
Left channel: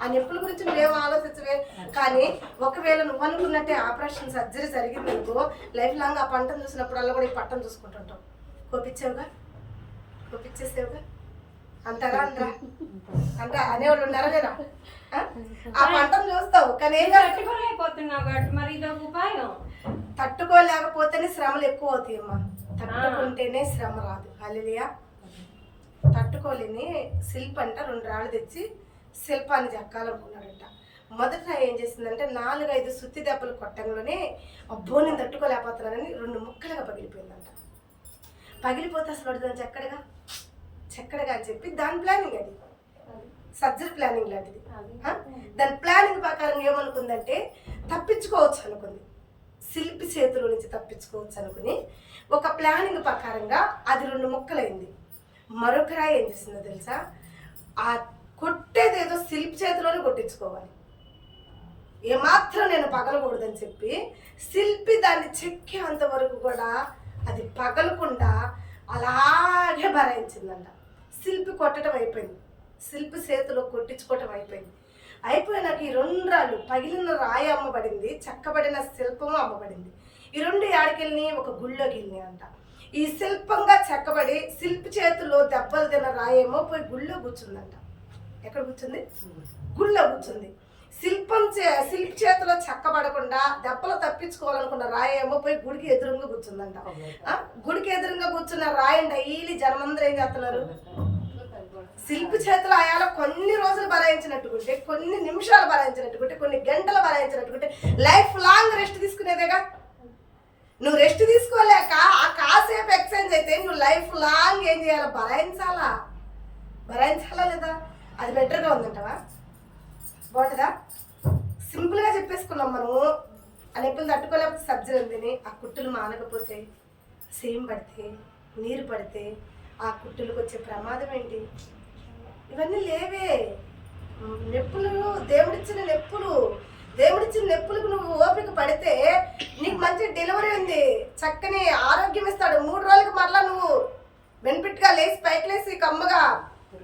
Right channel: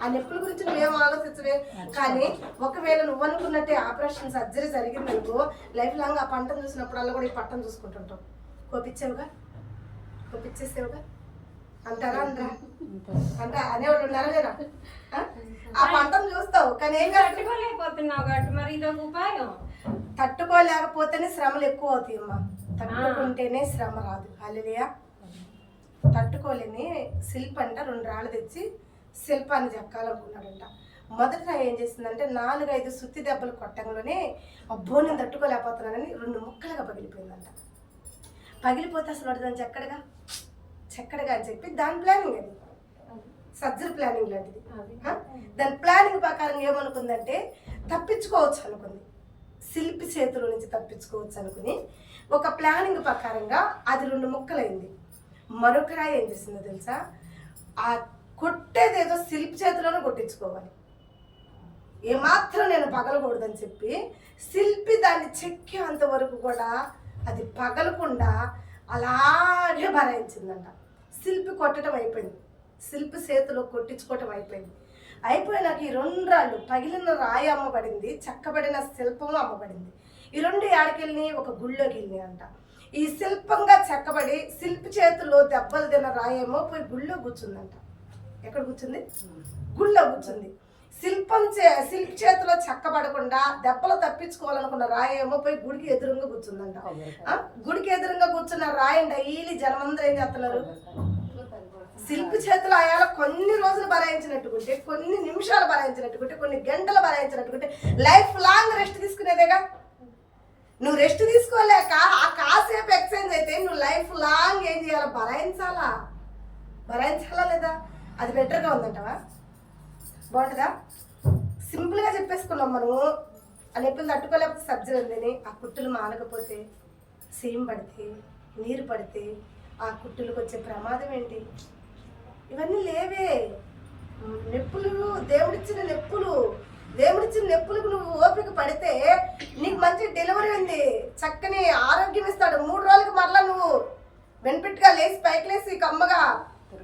ఆ నొప్పుల గురించి నువ్వేం ఆలోచించవే. కానీ ఒకవేళ నువ్వు అనుకున్నట్టే ఆపరేషన్ సర్జరీ జరిగింది అనుకో, లైఫ్ లాంగ్ ఆ పంటను చూసినప్పుడల్లా కూడా ఈ పట్టను చూసుకుంటుంటావు. కోపించావుగా, కోపించేసావుగా అంటారా? అనరా? అంటే అనేవాళ్ళు ఉన్నారా లేదా? ఆ పంటను చూస్తావు కానీ ఏం తట్టుకోలేకపోతున్నావు కాబట్టి మరి ఇదొక ఉపాయం. తట్టుకోలేకపోతేనే శ్రమలు ఎక్కువ అవుతాయి అమ్మా, తట్టుకుంటేనే శ్రమ రాదు. హల్లెలూయా. తట్టుకోలేని శిల్పి అంట 2 రాళ్ళు తెచ్చి శిల్పాన్ని చెక్కాలనుకున్నాడంట. మొదట ఏం చేసిందంటే 4-5 సుత్తి దెబ్బలు కొట్టంలోనే అబ్బో నేను తట్టుకోలేకపోతున్నానని 2 ముక్కలుగా పగిలిపోయిందంట. పగిలిపోతే అసలు దాన్ని చెక్కడగా అని చెప్పి దాని ప్లానింగ్, అది సర్జరీ ప్లానింగ్ లాంటిది. దాని ప్లానింగ్ ప్రకారం ఏమనుకుందంటే తప్పించుకోవచ్చు అనుకుంది, శిల్పి చేతుల నుంచి తప్పించుకోవచ్చు అనుకుని ఒక ప్లానింగ్ ప్రకారంగా అది 2 ముక్కలైంది. మరొక రాయి ఏం చేసిందో తెలుసా? ఆ కొట్టేదేదో శిల్పి చేతిలోనే కొట్టించుకోవాలి, ఏమాత్రం నేను పగలకూడదని చెప్పి శిల్పి దాన్ని చెక్కేంత వరకు కూడా అది పగలకుండా అలాగే భరాయించిందంట. శిల్పి కొట్టడం అయిపోయింది, శిల్పి చేతిలో కొట్టించుకోవటం అయిపోయింది. అయిపోయినాక ఈ 2 రాళ్ళు, పగిలిన రాయి అమ్మబడింది, చెక్కబడిన శిల్పము అమ్మబడింది. ఈ 2 ఏడకెళ్ళి ఒక గుళ్ళోకి వెళ్ళి అంట. ఈ శిల్పంగా చెక్కబడి శిల్పి చేతుల్లో దెబ్బలు తిన్న రాయేమో పోయి గుళ్ళో కూర్చుందంట. ఎక్కడ కూర్చుంది? గుళ్ళో కూర్చుంది. శిల్పి చేతిలో చెక్కబడకుండా దెబ్బలు తప్పించుకోవాలనుకున్న రాయి ఏమో పోయి గుడికి ఎదురుగా కూర్చుందంట. గుడికి ఎదురుగా కూర్చున్న రాయి డైలీ జనమందరూ ఏం చేస్తున్నారు? శిల్పి చేతులు ఆయాల కొన్ని రోజులు భరాయించినట్టుకుంటే, కొన్ని నిమిషాలు భరాయించినట్టుకుంటే, కొన్ని గంటలు భరాయించినట్టుకుంటే లైఫ్ లాంగ్ రెస్ట్ తీసుకునేదేగా. నువ్వు రెస్ట్ తీసుకోలేక ఆ కాసేపు ఎక్స్చేంజ్ అయితే నువ్వు లైఫ్ లాంగ్ ఏం చేయాలి? భరాయించాలా లేదా? అది బెటర్గా ఉందంటవా? బాగుంటుందా? సింపుల్గా చెప్పేసుకున్నాం మనము. ఆ నొప్పులు తట్టుకోలేకపోతే సబ్జరీ ఉందని, ఆ కుట్టులు మానకపోతే, సేమ్ పడితే, నీరు పడితే ఆ కుట్టులకు వచ్చే ప్రమాదం ఏంటి? ఇవన్నీ లేవే. నొప్పులు దేవుడిచ్చిన నొప్పులకు నువ్వు ఓపిక పడితే నీకు మంచి డెలివరీ ఉంది, చక్కని ఆరోగ్యం ఇస్తాడు. 3 రోజులకు మరలా నువ్వు బెనిఫిట్గా లేచి పైకి లేచి కమ్మగా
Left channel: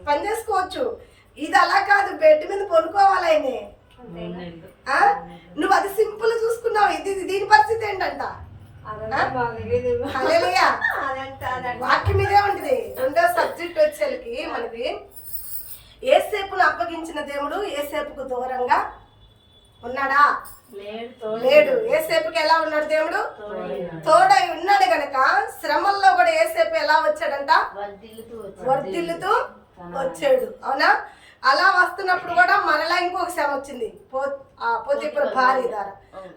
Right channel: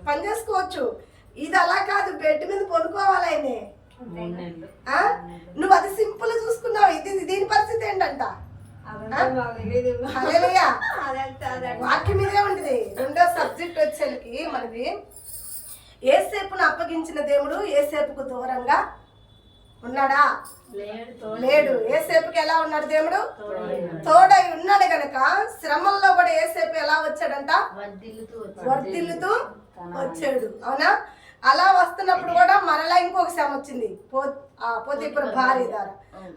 పని చేసుకోవచ్చు. ఇది అలా కాదు, బెడ్ మీద పడుకోవాలి ఆయనే. నువ్వు అది సింపుల్ చూసుకున్నావు. దీని పరిస్థితి ఏంటంట? హల్లెలూయా, వాక్యం ఇదే ఉంటుంది. 2వ సబ్జెక్ట్ వచ్చేసరికి మనకి యేసేపును అప్పగించిన దేవుడు యేసేపుకు దూరంగా ఉన్నాడా? లేడు. యేసేపుకి ఎలా ఉన్నాడు? దేవుడు తోడై ఉన్నాడు గనక శ్రమల్లో కూడా యేసేపు ఎలా వచ్చాడంట? వర్ధిల్లుతూ వచ్చాడు. అవునా? అలా వస్తున్నప్పుడు కూడా మరలా ఇంకొక శ్రమ వచ్చింది, పోతీఫరు భార్య ద్వారా.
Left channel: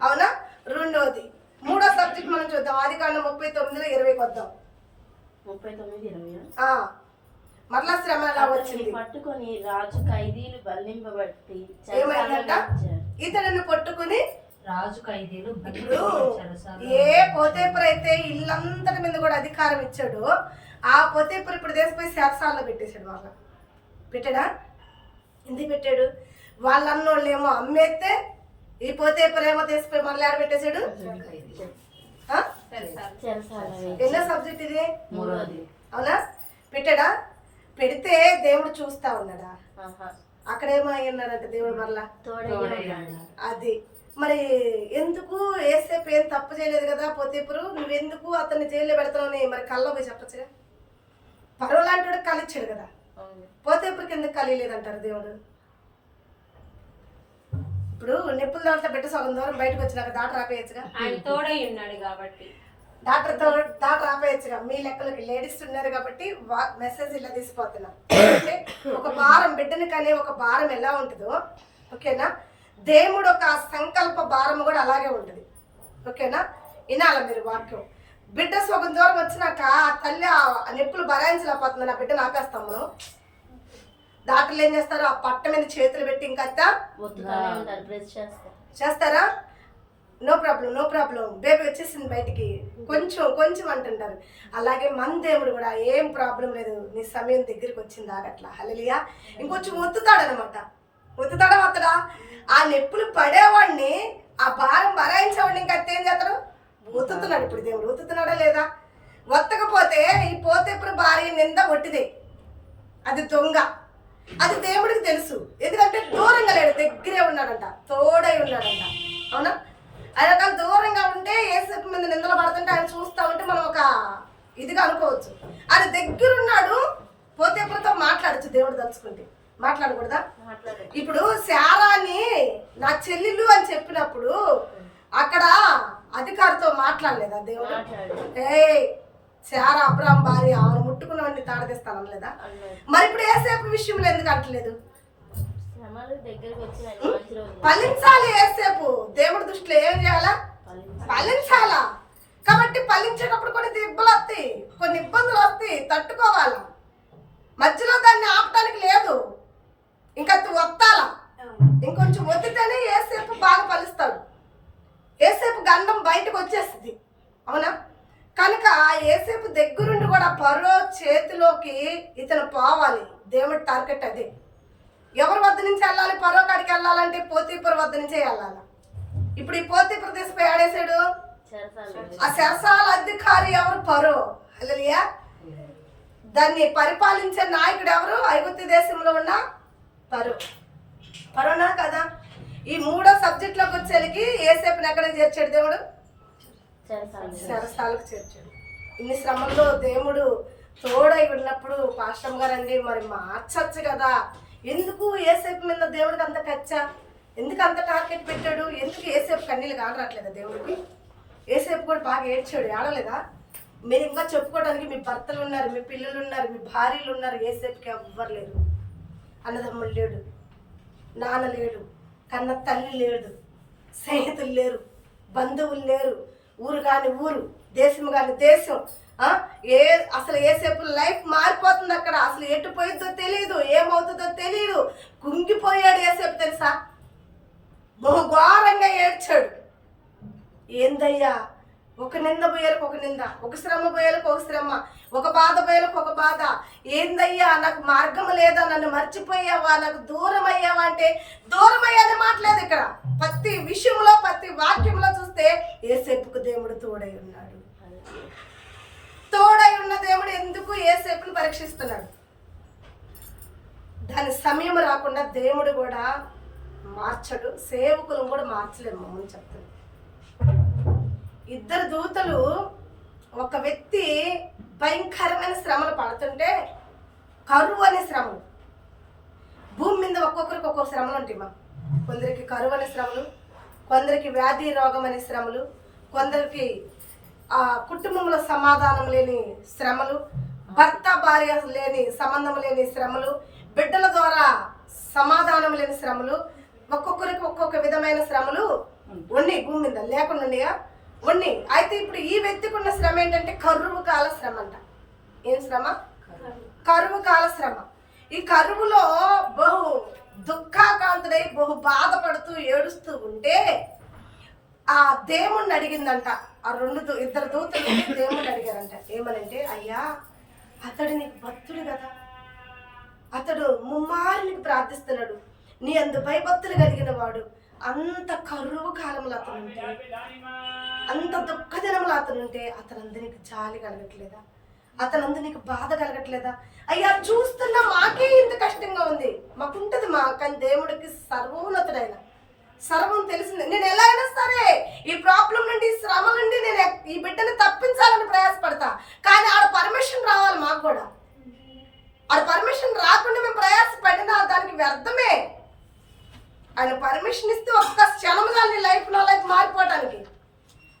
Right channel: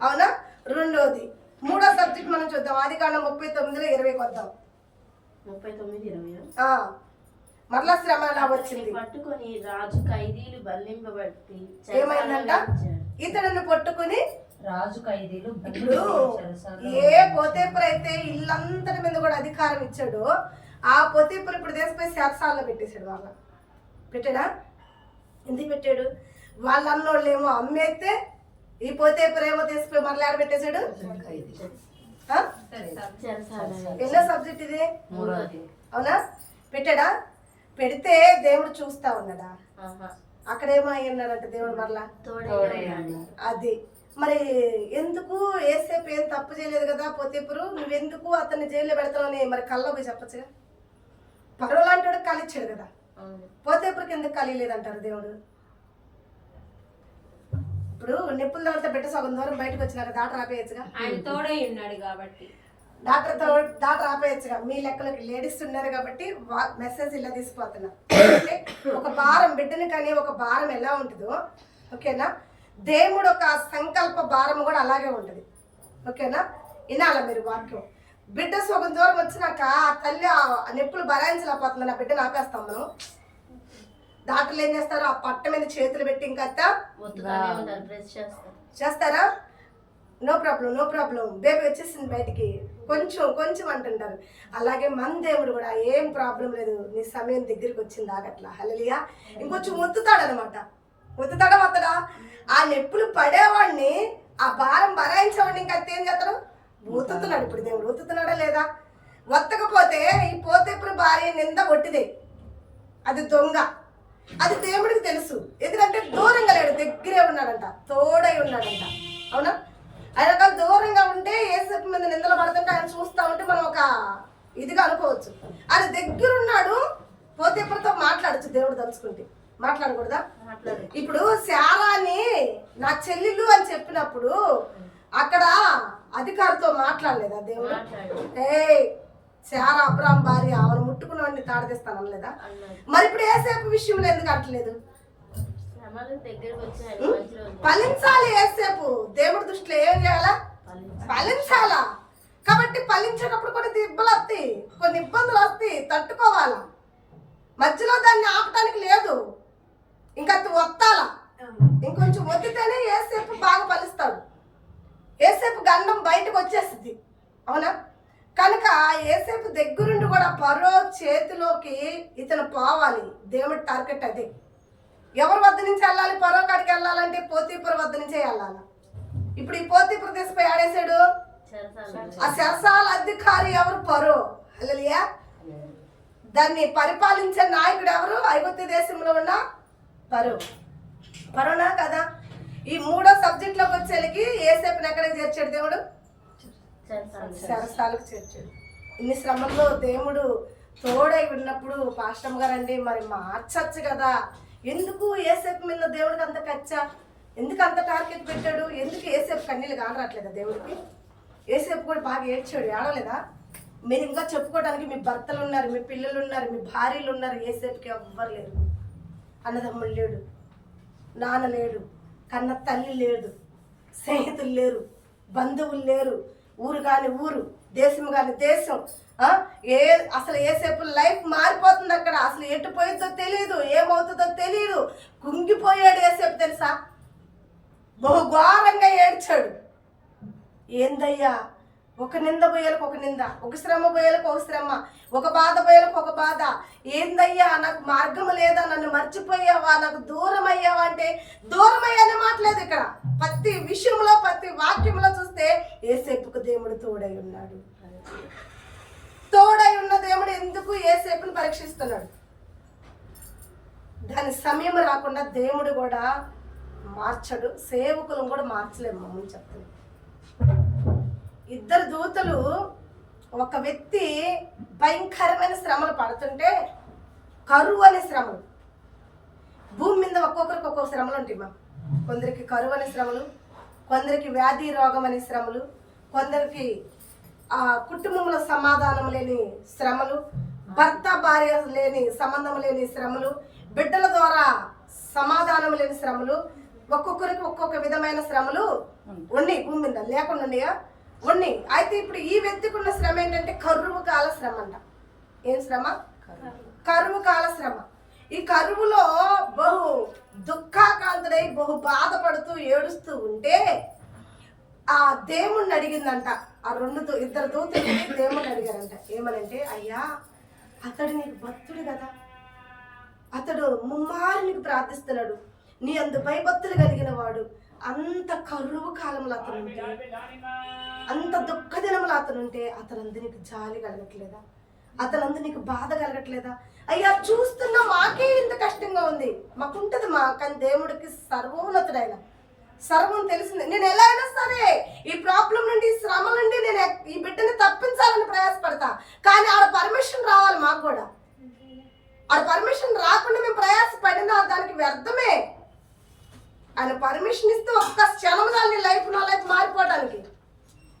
అవునా? 2వది. 3వ సబ్జెక్ట్ మనం చూద్దాం. ఆదికాండం 39:20 వద్దాం. 39:20 మరలా శ్రమ ఎలా వచ్చింది? పట్టుకొని రాజు ఖైదీలు బంధింపబట్టి ఏమైందంట? ఇతడిని పట్టుకుని రాజు ఖైదీలు. ఇప్పుడు ఏ పోతేపురు అయితే ఇల్లంతటి మీద కూడా అధికారం ఇచ్చాడు, ఆ పోతేపురు ఇప్పుడు దేశపోయి శారసాలలో పెట్టేశాడు. బాగా పెట్టాడా? ఎందుకు పెట్టాడు? వాళ్ళు అన్నోళ్ళు ఏమో అమ్మేస్తే ఈ పోతేపురు ఏమో దేశపోయి మరలా ఆడ పెట్టేశాడు. ఎన్నో సబ్జెక్ట్ ఇది? అవునా? పెట్టాడా? పెడితే దేవుడు చూస్తా ఉన్నాడా? అక్కడేమో అయి ఉన్నాడంటే దేవుడు మరలా అది. మరి ఎందుకు యేసేపు ఏం తప్పు చేయలేదు కదా పోతీఫరు, నువ్వెందుకు అతన్ని జైల్లో పెడతావని మరి కల్లో పోయి చెప్పచ్చుగా. పరో లాంటి వాడు కలిచ్చాడు కదా, పోతీఫరుకి ఎందుకు కలియలేదంటారు దేవుడు? ఇప్పుడు నిప్పుల దాంట్లో పెట్టి సగం దూరం బయటకు వచ్చినాక డాక్టర్ ఆపేయచ్చుగా. ఆయన తోడై ఉన్నాడు కాబట్టి డాక్టర్ ఆపేయచ్చుగా. మీ లెక్కలోకి లేడీస్ ఉన్నారు కాబట్టి మెసేజ్ ఇలా తీసిపోతున్నా. అంటే ఒక భారం, బిడ్డని కానీ ఒక భారం ఎలా ఉంటుందో, ఓకేనా? దేవుడు ఒక సంకల్ప భారం కూడా అలాగే ఉంటుంది. ఓకేనా? వినాల మీరు వాక్యం. బిడ్డ సగం దూరం వచ్చినాక ఆ తల్లి ఆ నొప్పులు భరాయించలేకపోతుంది, నా బిడ్డను ఆపేస్తాం మనం. డాక్టర్లు ఏం చేస్తారు? ఆ పట్ట మీద చేతులు పెట్టి ఇంకా చేస్తారా? నో ప్రాబ్లం బేబీ వచ్చేసింది బయటికి, కొంచెం అంటుంటారు. అలాగే మన దేవుడు కూడా ఏం ప్రాబ్లం లేదు, నీ సమయం దగ్గరికి వచ్చింది ఆగట్లా. హల్లెలూయా. ఇంకొంచెం ఒత్తుతాడనమాట. ఒత్తుతాడా? ఆ నొప్పులు పడేవాడిని, ఆ భారం భరాయించేవాడిని ఇంకా ఏం చేస్తాడు? ఒత్తుతున్నాడు. ఇప్పుడు దేవుడు ఒత్తుతున్నాడా లేదా? ఒత్తకపోతే ఈ పోతేపురు భార్య నింద ఒట్టిదే, అది దొంగ. అది దేవుడికి తెలుసు, ఎందుకంటే దూరంగా లేడు, దగ్గరే ఉన్నాడంట, తోడై ఉన్నాడంట. అవునా? ఆయన కాదు దూరంగా ఉంటే యేసేపు మీద నిందలు పడుతుంటే ఆయన చూస్తా ఉంటే మనం ఒక ఇదిగా అనుకోవచ్చు. ఆయన దగ్గరున్నాడు, పోతేపురుతో మాట్లాడచ్చు దేవుడు తలుచుకుంటే. మాట్లాడకూడదా? ఇప్పుడు శారాని నా చెల్లెలు అని చెప్పినప్పుడు అక్కడ అధికారితో మాట్లాడలేదా దేవుడు? శారా అబ్రాం భార్య, ఆమెను ముట్టుకున్నవాడిని తాడదీస్తాను అనలేదా? మరి ఇప్పుడు యేసేపు విషయంలో ఎందుకు అంటలేదు? ఫలించాలి. యేసేపు దేవుడి దృష్టిలో ఏం చేయాలా? ఫలించాలా. కాబట్టి ఫలించేటప్పుడు కొన్ని ఇబ్బందులు వస్తాయి, తట్టుకోవాలా. మధ్యలో దాన్ని ఆపటానికి లేదు, ఇంకా ఒత్తాలా. ఇంకొంచెం ఒత్తితేనే యేసేపు బాగా ఫలిస్తాడు. యేసేపు గండం బయటకు వచ్చేస్తుంది. అవునా? కనుక యేసేపు దగ్గరుండి కూడా ఫరో చేతిలోకి ఇతను పోవాలి. దేవుడి టార్గెట్ అదే. ఎవరి వద్ద నుంచి వెళ్ళాలి? ఫరో కాడికి వెళ్ళాలంటే పోతీఫరు వద్ద నుంచే వెళ్ళాలి. ఇప్పుడు ఈ పోతీఫరు తీసుకుపోయి ఆడేశాడు. ఆ చెరసాల అధికారి ఎవరు? ఫరో. హల్లెలూయా. దాన్ని పరిపాలించే నాయకుడు ఎవరు? ఐగుప్తు దేశంలో ఉన్న ఫరోనా కదా. ఈ 3వ సబ్జెక్ట్లోకి వచ్చేసరికి యేసేపుని ఎక్కడికి చేర్చాడు దేవుడు? చెరసాలకు చేర్చాడు. ఇన్ని శ్రమంలో దేవుడు తోడై ఉన్నప్పుడు పాస్టర్ గారండి మరి మార్చచ్చు కదా, ఎందుకు యేసేపు మీద దేవుడికి అంత కచ్చ? ఎందుకు అంత టార్గెట్ పెట్టాడు? ఎందుకు ఏసేపు కన్నీళ్ళు కానరాట్లేదా దేవుడికి? ఏసేపు కూడా బాగా ఏడ్చాడు, ఏడలేదా? మీరు ఇంకా చెప్పుకోవడానికి మీ భర్తలు ఉన్నారు, మీ పిల్లలు ఉన్నారు, మీ భార్యలు ఉన్నారు. ఏసేపుకి ఎవ్వరు లేరు. అన్నదమ్ముడు లేడు, నాన్న లేడు, కన్న తల్లి లేదు, స్నేహితులు లేరు, బంధువులు లేరు, ఊరు కాని ఊరు, దేశం కాని దేశం. అసలు ఏసేపు లైఫ్ మారిపోతుంది అక్కడ. అసలు ఎటు పోయిద్దో తెలియదు, ఏమవుతుందో తెలియదు. కుంగిపోయాడు ఏసేపు, తెలుసా? బహు ఘోరంగా ఏడ్చాడు. ఏందయ్యా, ఒక నింద పోయేలకు ఒక నింద, ఒక శ్రమ పోయేలకు ఒక శ్రమ, ఒక బాధ పోయేలకు ఒక బాధ. ఏందయ్యా, నాకు మార్గం లేదా, నన్ను మర్చిపోయావా, నాకు దూరం అయ్యావా అంటే దూరం అయ్యానే మాట్లేదు ఇక్కడ. ప్రతి విషయంలో ప్రతి వాక్యంలో చూస్తే ఏసేపుకు దేవుడు తోడై ఉన్నాడు. తోడై ఉన్న దేవుడు ఎందుకు ఏసేపుని పరీక్షిస్తున్నాడు? దాని సమయం రాకుండా దేవుడు కూడా మార్చడు, సేవకులను కూడా మార్చలేము మమ్మల్ని చెప్తాను. ఇద్దరు దూతలు, ఒక వ్యక్తి భయంకరమైన శ్రమలు పడుతుంటే, కరువు అనే శ్రమలు. భూమి మీద ఒక్కొక్కరికి ఒక్కొక్క శ్రమలు ఉంటాయి మా. కొందరికి కరువు అనే శ్రమలు, కొందరికి వ్యాధి రోగం అనే శ్రమలు, కొందరికి కుటుంబంలో సమాధానం లేని శ్రమలు, భర్త భార్య లేని సంబంధం లేని శ్రమలు, బిడ్డల ద్వారా సమాధానం లేని శ్రమలు. ఒక్కొక్కరికి ఒక్కొక్క విధమైన శ్రమలు ఉన్నాయి భూమి మీద, లేకుండా ఉన్నాయా? ఉన్నాయి. అయితే ఇప్పుడు ఈ వ్యక్తికి ఉన్న శ్రమ ఏంటంటే కరువు కాల శ్రమ అంట. ఏం శ్రమ? కరువు కాల శ్రమ. ఈ కరువులో బహు దుఃఖాకాంతుడై బహు బాధపడుతూ ఏడుస్తూ ఉంటే ఆ దేవుణ్ణి అడిగిందంట. ఆ ఇద్దరు దూతలు దేవుణ్ణి అడిగారంట. ఏమనంటే, అయ్యా, అతడు నీకు భక్తుడు కదా, అతడు ముమ్మారు నీకు ప్రార్థిస్తున్నాడు, నీ అందు భయభక్తులు కలిగిన వాడు, అంత కరువు కాలంలో అతనుంటే, అంత దుఃఖ దినములు అతనుంటే అతనందు నీకు జాలి కలగట్లేదా? అతనందు నీకు బాధ కలగట్లేదా? అయ్యా, చూస్తున్నా మాకే ఇంత కష్టంగా ఉంది. మాకుంటది మా, కానీ దేవుడికి సర్వోన్నతుడైన, సర్వం తెలిసింది. నేను ఎలా అయినా సరే ఈ ప్రాబ్లం నుండి, ఈ శ్రమ నుండి నేను ఈ బిడ్డని తప్పించాలని ప్రయాసపడతా. కానీ ఆడ పర్మిషన్ రావాలి మాకు కూడా. ఆడ పర్మిషన్ రాకుండా మేము ప్రయాసపడినా దానికి వ్యర్థమే. ఆయన పర్మిషన్ ఇస్తే ఒక్క క్షణం చాలు నీ లైఫ్, నా లైఫ్ మారిపోవడానికి.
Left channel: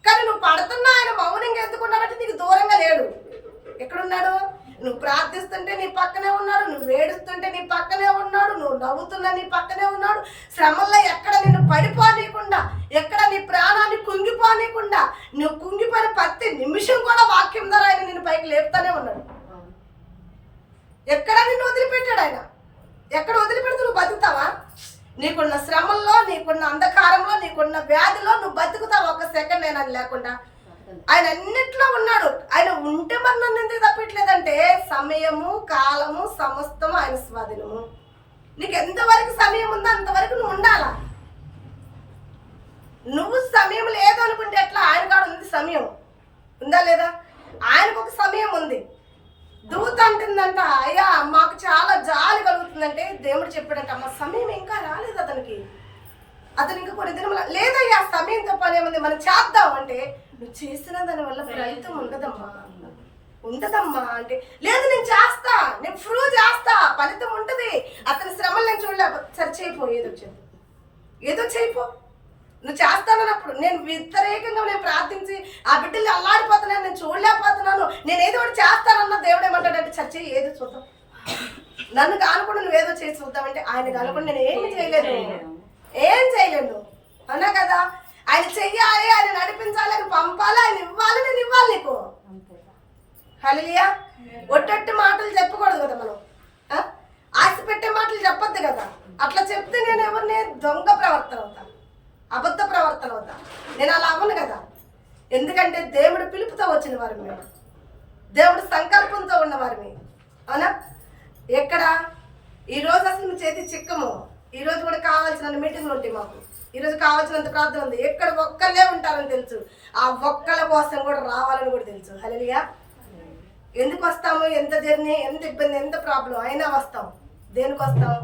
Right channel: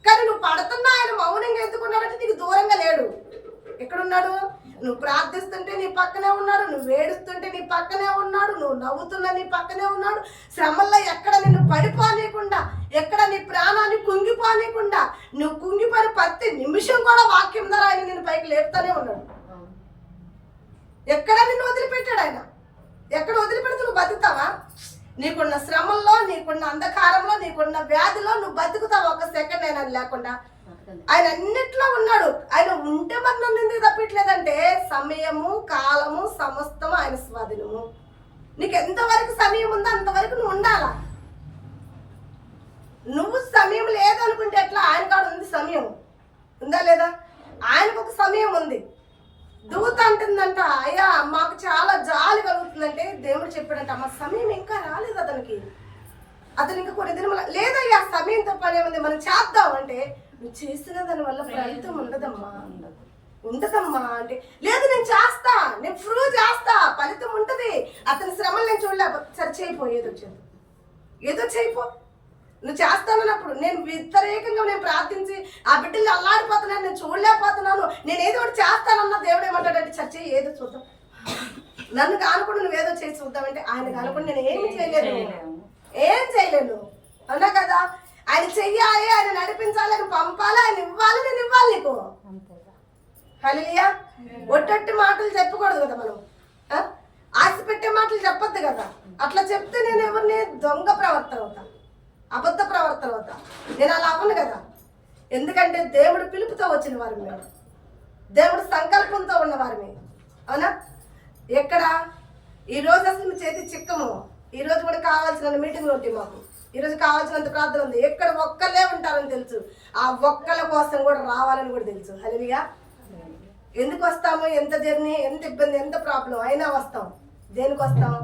కానీ నువ్వు పడుతున్నా ఆయన మౌనంగా ఎందుకున్నాడంటే నీకు దూరంగా లేడు. ఎక్కడున్నాడు? నువ్వు ప్రార్థిస్తుంటే నీ పక్కనే ఉన్నాడు, నువ్వు ఏడుస్తుంటే నీ పక్కనే ఉన్నాడు, నువ్వు నవ్వుతున్నా నీ పక్కనే ఉన్నాడు. శ్రమల్లో ఎక్కడ నిన్ను పడిపోనీయకుండా, ఎక్కడ నీ ప్రాణాన్ని కుంగిపోనీయకుండా, నువ్వు కుంగిపోయిన ప్రతి నిమిషం కూడా వాక్యం ద్వారా ఆయన నిన్ను పైకి లేపుతానే ఉన్నాడు. ఎక్కడ నిన్ను వదిలిపెట్టాడు ఆయన? ఎక్కడ వదిలిపెడితే నువ్వు బతుకుతావా? నీకున్న శ్రమల్లో, నీకున్న అంధకారంలో, నీకున్న వ్యాధిలో నువ్వు బతుకుతావు ఒక్క సెకండ్ అయినా లేకుండా. ఆయన అన్నిట్లో ఉన్నాడు. ఆయన ఉంటే మరి నన్ను ఎందుకు తప్పట్లేదంటే, సమయము కాలము సమస్తము ఆయన స్వాధీనము. నీకు ఎంతవరకు సమయం ఉందో అంతవరకు నువ్వు ఉండాలా. నువ్వు సమయం లేదు అనుకుంటే ఎట్లా? ఆయన కాడ ఉంది సమయం, ఉందా లేదా? ఆయనకు ఒక సమయం ఉంది. దూత అంటుందంట, అయ్యా మాకు చాలా జాలి కలుగుతుందంటే దేవుడు చెప్పాడంట, మా సమయం ఇంకా రాలేదు అతనికి, అతను ఇంకా కొన్ని దినముల లేదయ్యా, సమయంతో పని ఏముంది, మనం చేద్దాం అంటే, నువ్వు చేసిన దాని వల్ల ఫలితం ఉండదమ్మా అంటే, లేదు నేను చేస్తా, నేను ప్రూవ్ చేస్తా, ఫలితం ఉంటుంది. అతని శ్రమలు నేను చూడలేకపోతే, సరే చేయిపో, ఏదో వచ్చింది, ఏదో చేయిపో, నువ్వు చేస్తానన్నప్పుడు. నేను వ్యతిరేకంగా నేను ప్రార్థించి ఆ బిడ్డలు అల్లాడిపోతున్నాను, నేను చూడలేకపోతున్నాను, నేను ఏదో ఒకటి చేస్తానన్న దేవుడు ఏమంటాడంటే, చర్చ ఏదో చూద్దాం, నన్ను కానుకుండా నువ్వేదో చేసి చూద్దామంటే, ఆయన కానుకుండా నేను ఏమి చేయలేదు, ఏం చేయలేను, అవునా కదా? ఆయన చెయ్యాలి, ఆయన నడిపించాలి, ఆయన పంపాలి, ఆయన ఇవ్వాలి, నేను ఇవ్వాలి నీకు. హల్లెలూయా. ఒట్టొట్టి మాటలు చెప్పకూడదు కదా మనం, ఆశ పెట్టే మాటలు చెప్పొద్దు కదా. అట్లా చెప్తే నేను ఎవరిని దొంగ ప్రవర్తన అవుతా, అబద్ధ ప్రవర్తన అవుతా. నేను అలా అవ్వను కదా. ఎందుకంటే దేవుడు పిలుపుతో వచ్చిన వారు మేము, దేవుడు సంకల్పంతో ఉన్నవారిని, అవునా? ఎక్కడ ఈరోజు అసలు మీ చేతి చిక్కము. ఈరోజు కూడా కావాల్సిన మీటింగ్లు ఉంటాయి మాకు, ఈరోజు కావాల్సినంత ప్రార్థన ఉంది. ఎక్కడ ఒక్కళ్ళే ఉంటారని తెలుసు, ఆ ఒక్కళ్ళ కోసం కూడా రావాలని కూడా తెలుసు. హల్లెలూయా. ఎందుకు వస్తాము? ఎంత జర్నీ, ఎంత ఇబ్బంది, ఎంత ప్రాబ్లం అయినా వస్తాం. దేనికి వస్తాం?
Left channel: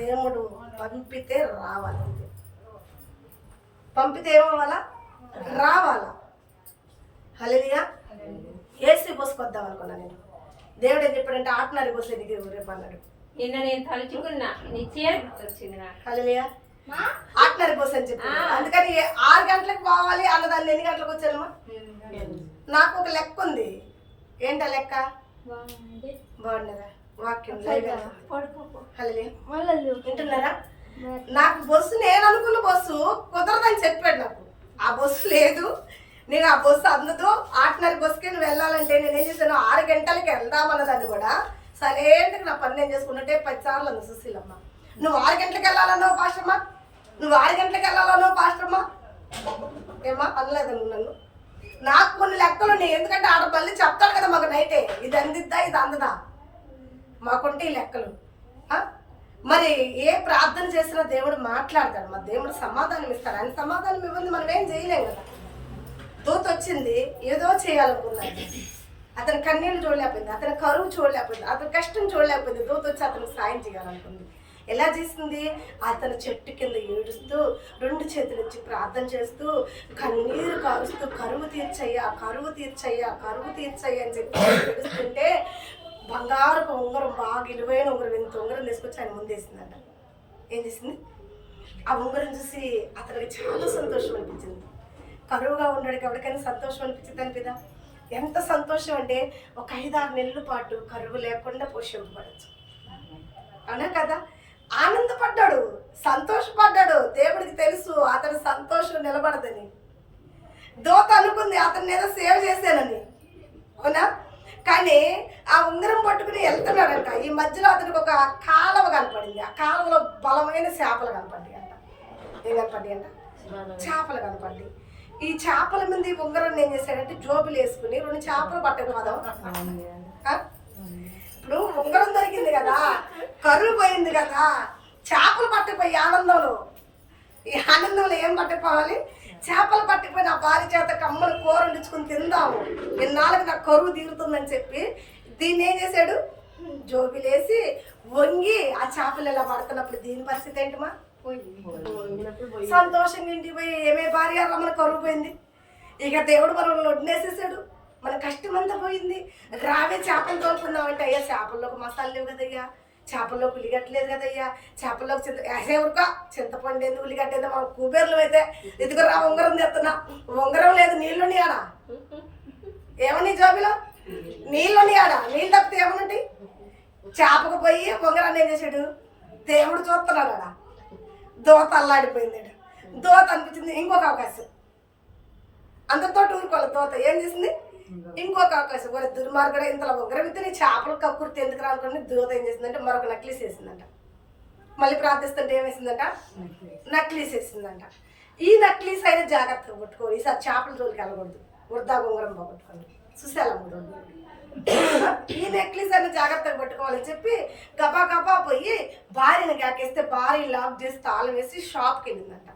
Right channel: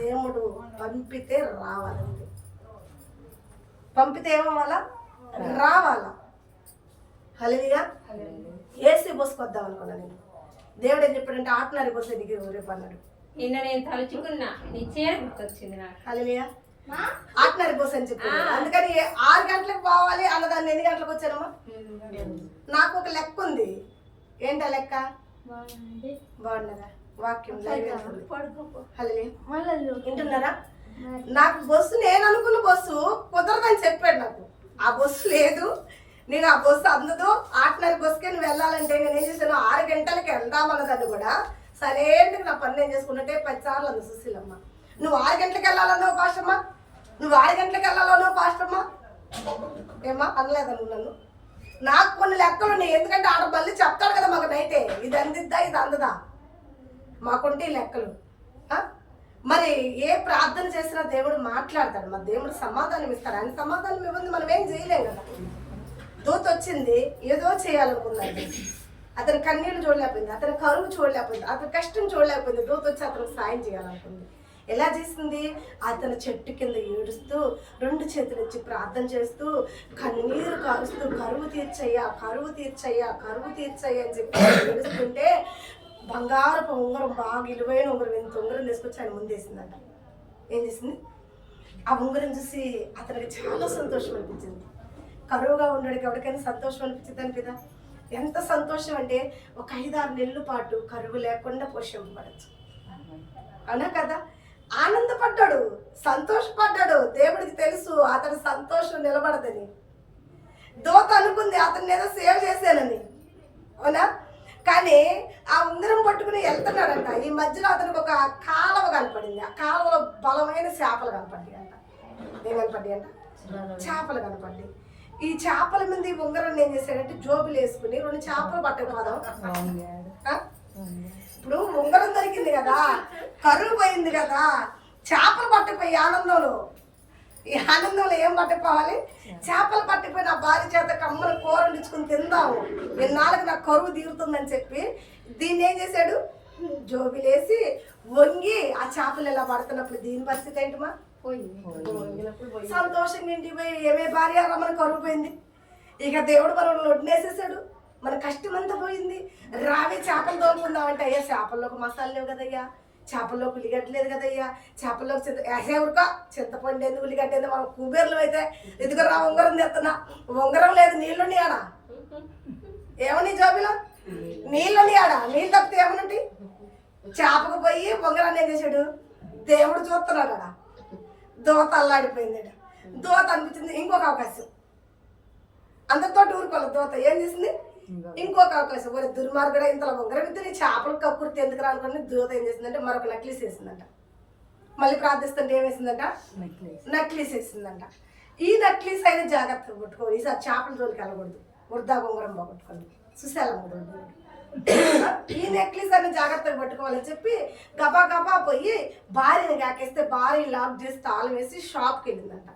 దేవుడు పంపితే రావాలంతే. పంపితే ఏమవ్వాలా? రావాలా. హల్లెలూయా. ఏసీ పోసుకొద్దాం అనుకున్నా నేను. దేవుడు ఏం చెప్పాడంటే, ఆటనారి పోసే దిగి రేపు అన్నాడు. నిన్న నేను తలుచుకున్నా, నిశ్చయం వచ్చింది నాకు. హల్లెలూయా. ఆటనరి బస్సు అని చెప్పి అందుకని 6 గంటలకు పోవాలి అన్నదాన్ని ఎన్ని గంటలకు వచ్చానమ్మా? నాకు ఒక లెక్క ఉంది. ఏంటా లెక్క? బాగున్నదా? వాక్యం లైవ్ వెళ్తుంది. హల్లెలూయా. వింటున్నారా? నాకు బస్సు నేను అనుకున్న బస్సు కుదరదని చెప్పాడు నాకు. ఆ బస్సు లేదు, నేను ఆ బస్సు అందదు, 6:30 బస్సుకే నువ్వు వెళ్ళాలంటే నేనేం చేశాను, 6 గంటలకి వెళ్దామన్నదాన్ని కూడా సరేంటికి నా పని నేను చేసుకున్నట్టే 10 సార్లు అంది సుశీలమ్మ. నువ్వు 6 గంటలకు వెళ్ళాలన్నావు పాస్టమ్మా, నువ్వు 6 గంటలకు వెళ్ళాలన్నావు పాస్టమ్మా. ఏమ్మా అనలేదు నన్ను. నాకు కొన్ని లెక్కలు ఉన్నాయి, ఎందుకంటే ఆడ మళ్ళీ చెప్తాడు కదా మాకు నైటే, ఇది అందిద్దా ఇది అందదా, మాకుంటే ఈ లెక్కలు. మరి ఏ ప్రార్థన చేసినా దేవుడు మాట్లాడతాడు, మరి దేవుడు సమాధానం ఇస్తాడు. ఆయన సమాధానం ఇవ్వండి మనం ఏం చేయలేం కదా. దూత వచ్చింది, ఏదో చేయాలనుకున్నాడు, అతని కన్నీళ్ళు చూడలేకపోయింది, అతని కరువు చూడలేకపోయింది, అతని కష్టం చూడలేకపోయింది. దూత వచ్చి అతనికి సాయం చేయాలనుకుంది. ఎలా చేసింది? అతను చెట్టు కింద ఏడుస్తూ 2 చేతులు ఇచ్చి ప్రార్థన చేస్తూ కన్నీరు కారుస్తూ కరువు తీర్చయ్యా, కరువు తీర్చయ్యా, కరువు తీర్చయ్యా అని చెప్పి ఏడుస్తుంటే బంగారపు ఉంగరం, బాగా విలువైన ఉంగరం, ఎంత ఉంగరం తీసుకొచ్చి ఆయన ముందేసిందంట. ఏం చేసింది? ఆ ఉంగరం చూసి అతనికి చాలా సంతోషం అనిపించింది. కరువుగా ఉన్నాడు ఎవరికైనా సంతోషం అనిపించింది అని కదా. ఎంత సంతోషం అంటే ఒక 5-6 నెలల పాటు కరువు లేకుండా పోషింపబడచ్చు, అవునా కదా. ఆనందపడ్డాడు, సంతోషపడ్డాడు. దేవుడికి తెలుసు అతని సంతోషం నిలబడదని. దోత అనుకుంది అతన్ని ఏదో సేవ్ చేశానని, అవునా. కానీ ఆ ఉంగరం పట్టుకుని వెళ్తున్నాడంట. ఈ మధ్యలో అతనికి ఒక కాలువ కనపడింది. ఆ కాలువలో బలమైన చేపలు కనపడ్డాయి అంట. ఏం కనపడ్డాయి అంట? చేపలు కనపడ్డాయి. ఈ చేపల మీద ఈ ఉంగరం ఏం చేశాడంటే జోబులు వేసుకుని 2 చేపలు పట్టకపోదాం. ఇప్పుడు ఉంగరం దొరికింది కదా, కరువు పోయింది కదా, చేపలు పట్టకపోయి ఆనందంలో, ఈ ఆనందంలో ఏం పట్టకపోవాలి? చేపలు పట్టిపోయి నా భార్య చేత కమ్మలు కూర వండించుకుని తిందాము, ఇన్నాళ్ళకి నాకు కరువు తీరుతుందని చెప్పి దీన్ని ఏం చేశాడు? జోబిలేసి వంగి ఆ చేపలు ఎలా పడుతున్నప్పుడు దీని పరిస్థితి ఏంటమ్మా? సంతోషంగా ఇంటికి పోయి ఏమే భార్య మన కరువు పోయింది, ఇక దేవుడు మనం వడ్నేసేసాడు, మన కష్టం అంతా పోయింది, రావే చేపలు తోలుకుందామంటే అయ్యా చేపల్లోకి మసాలా లేవు కదయ్యా, చేపల్లోకి ఉల్లిగడ్డలేదు కదయ్యా, చేపల్లోకి ఊరుక చింతపండు ఏంది ఉల్లిగడ్డ ఏంది, మనం కుబేర్లు అయితే ఇదిగో రా ఉంగరం తెస్తున్నా, ఉంగరం లేదు నీళ్ళుండి ఆడ, ఏమని జోబిలో నీళ్ళుండి ఆడ, నీళ్ళు తప్పితే ఏమనండి. చేపకు పోయి ఉంగరాన్ని ఏం చేశాడు? దేవుడు చూస్తున్నాడు ఆడ. దోత అల్లాడిపోయింది. దోత అనిపించింది ఇంకొక అవకాశం, అందరితో ఊరుకోవాలి. దోత ఏం చేసింది? ఇంకొక అవకాశం. ఒక దుర్మార్గుడు ఇంతలో ఉంగరం ఇద్దరు చేపలు కక్కుర్తి ఎందుకు రానుకుని దోత ఏం చేసిందంటే మరొక నక్లీస్ వేసిందంట. మళ్ళీ ప్రార్థిస్తుంటే ఏం వేసిందంట? నక్లీస్ వేసిందంట. ఈ నక్లీస్ అయినా జాగ్రత్తగా కొట్టుకోవాలి, ఈసారి చేపల జోలికి వెళ్ళకూడదు, వృద్ధా ఉంగరం పోగొట్టుకోండి చూసేయాలమ్మడు. ఈ నెక్లెస్ అని జాగ్రత్తగా పట్టుకోవాలని చెప్పి గబా గబా పోయి భార్యని కాకేస్తే భార్య లాక్ చేసి తాళం వేసి షాప్కి వెళ్ళిందంట.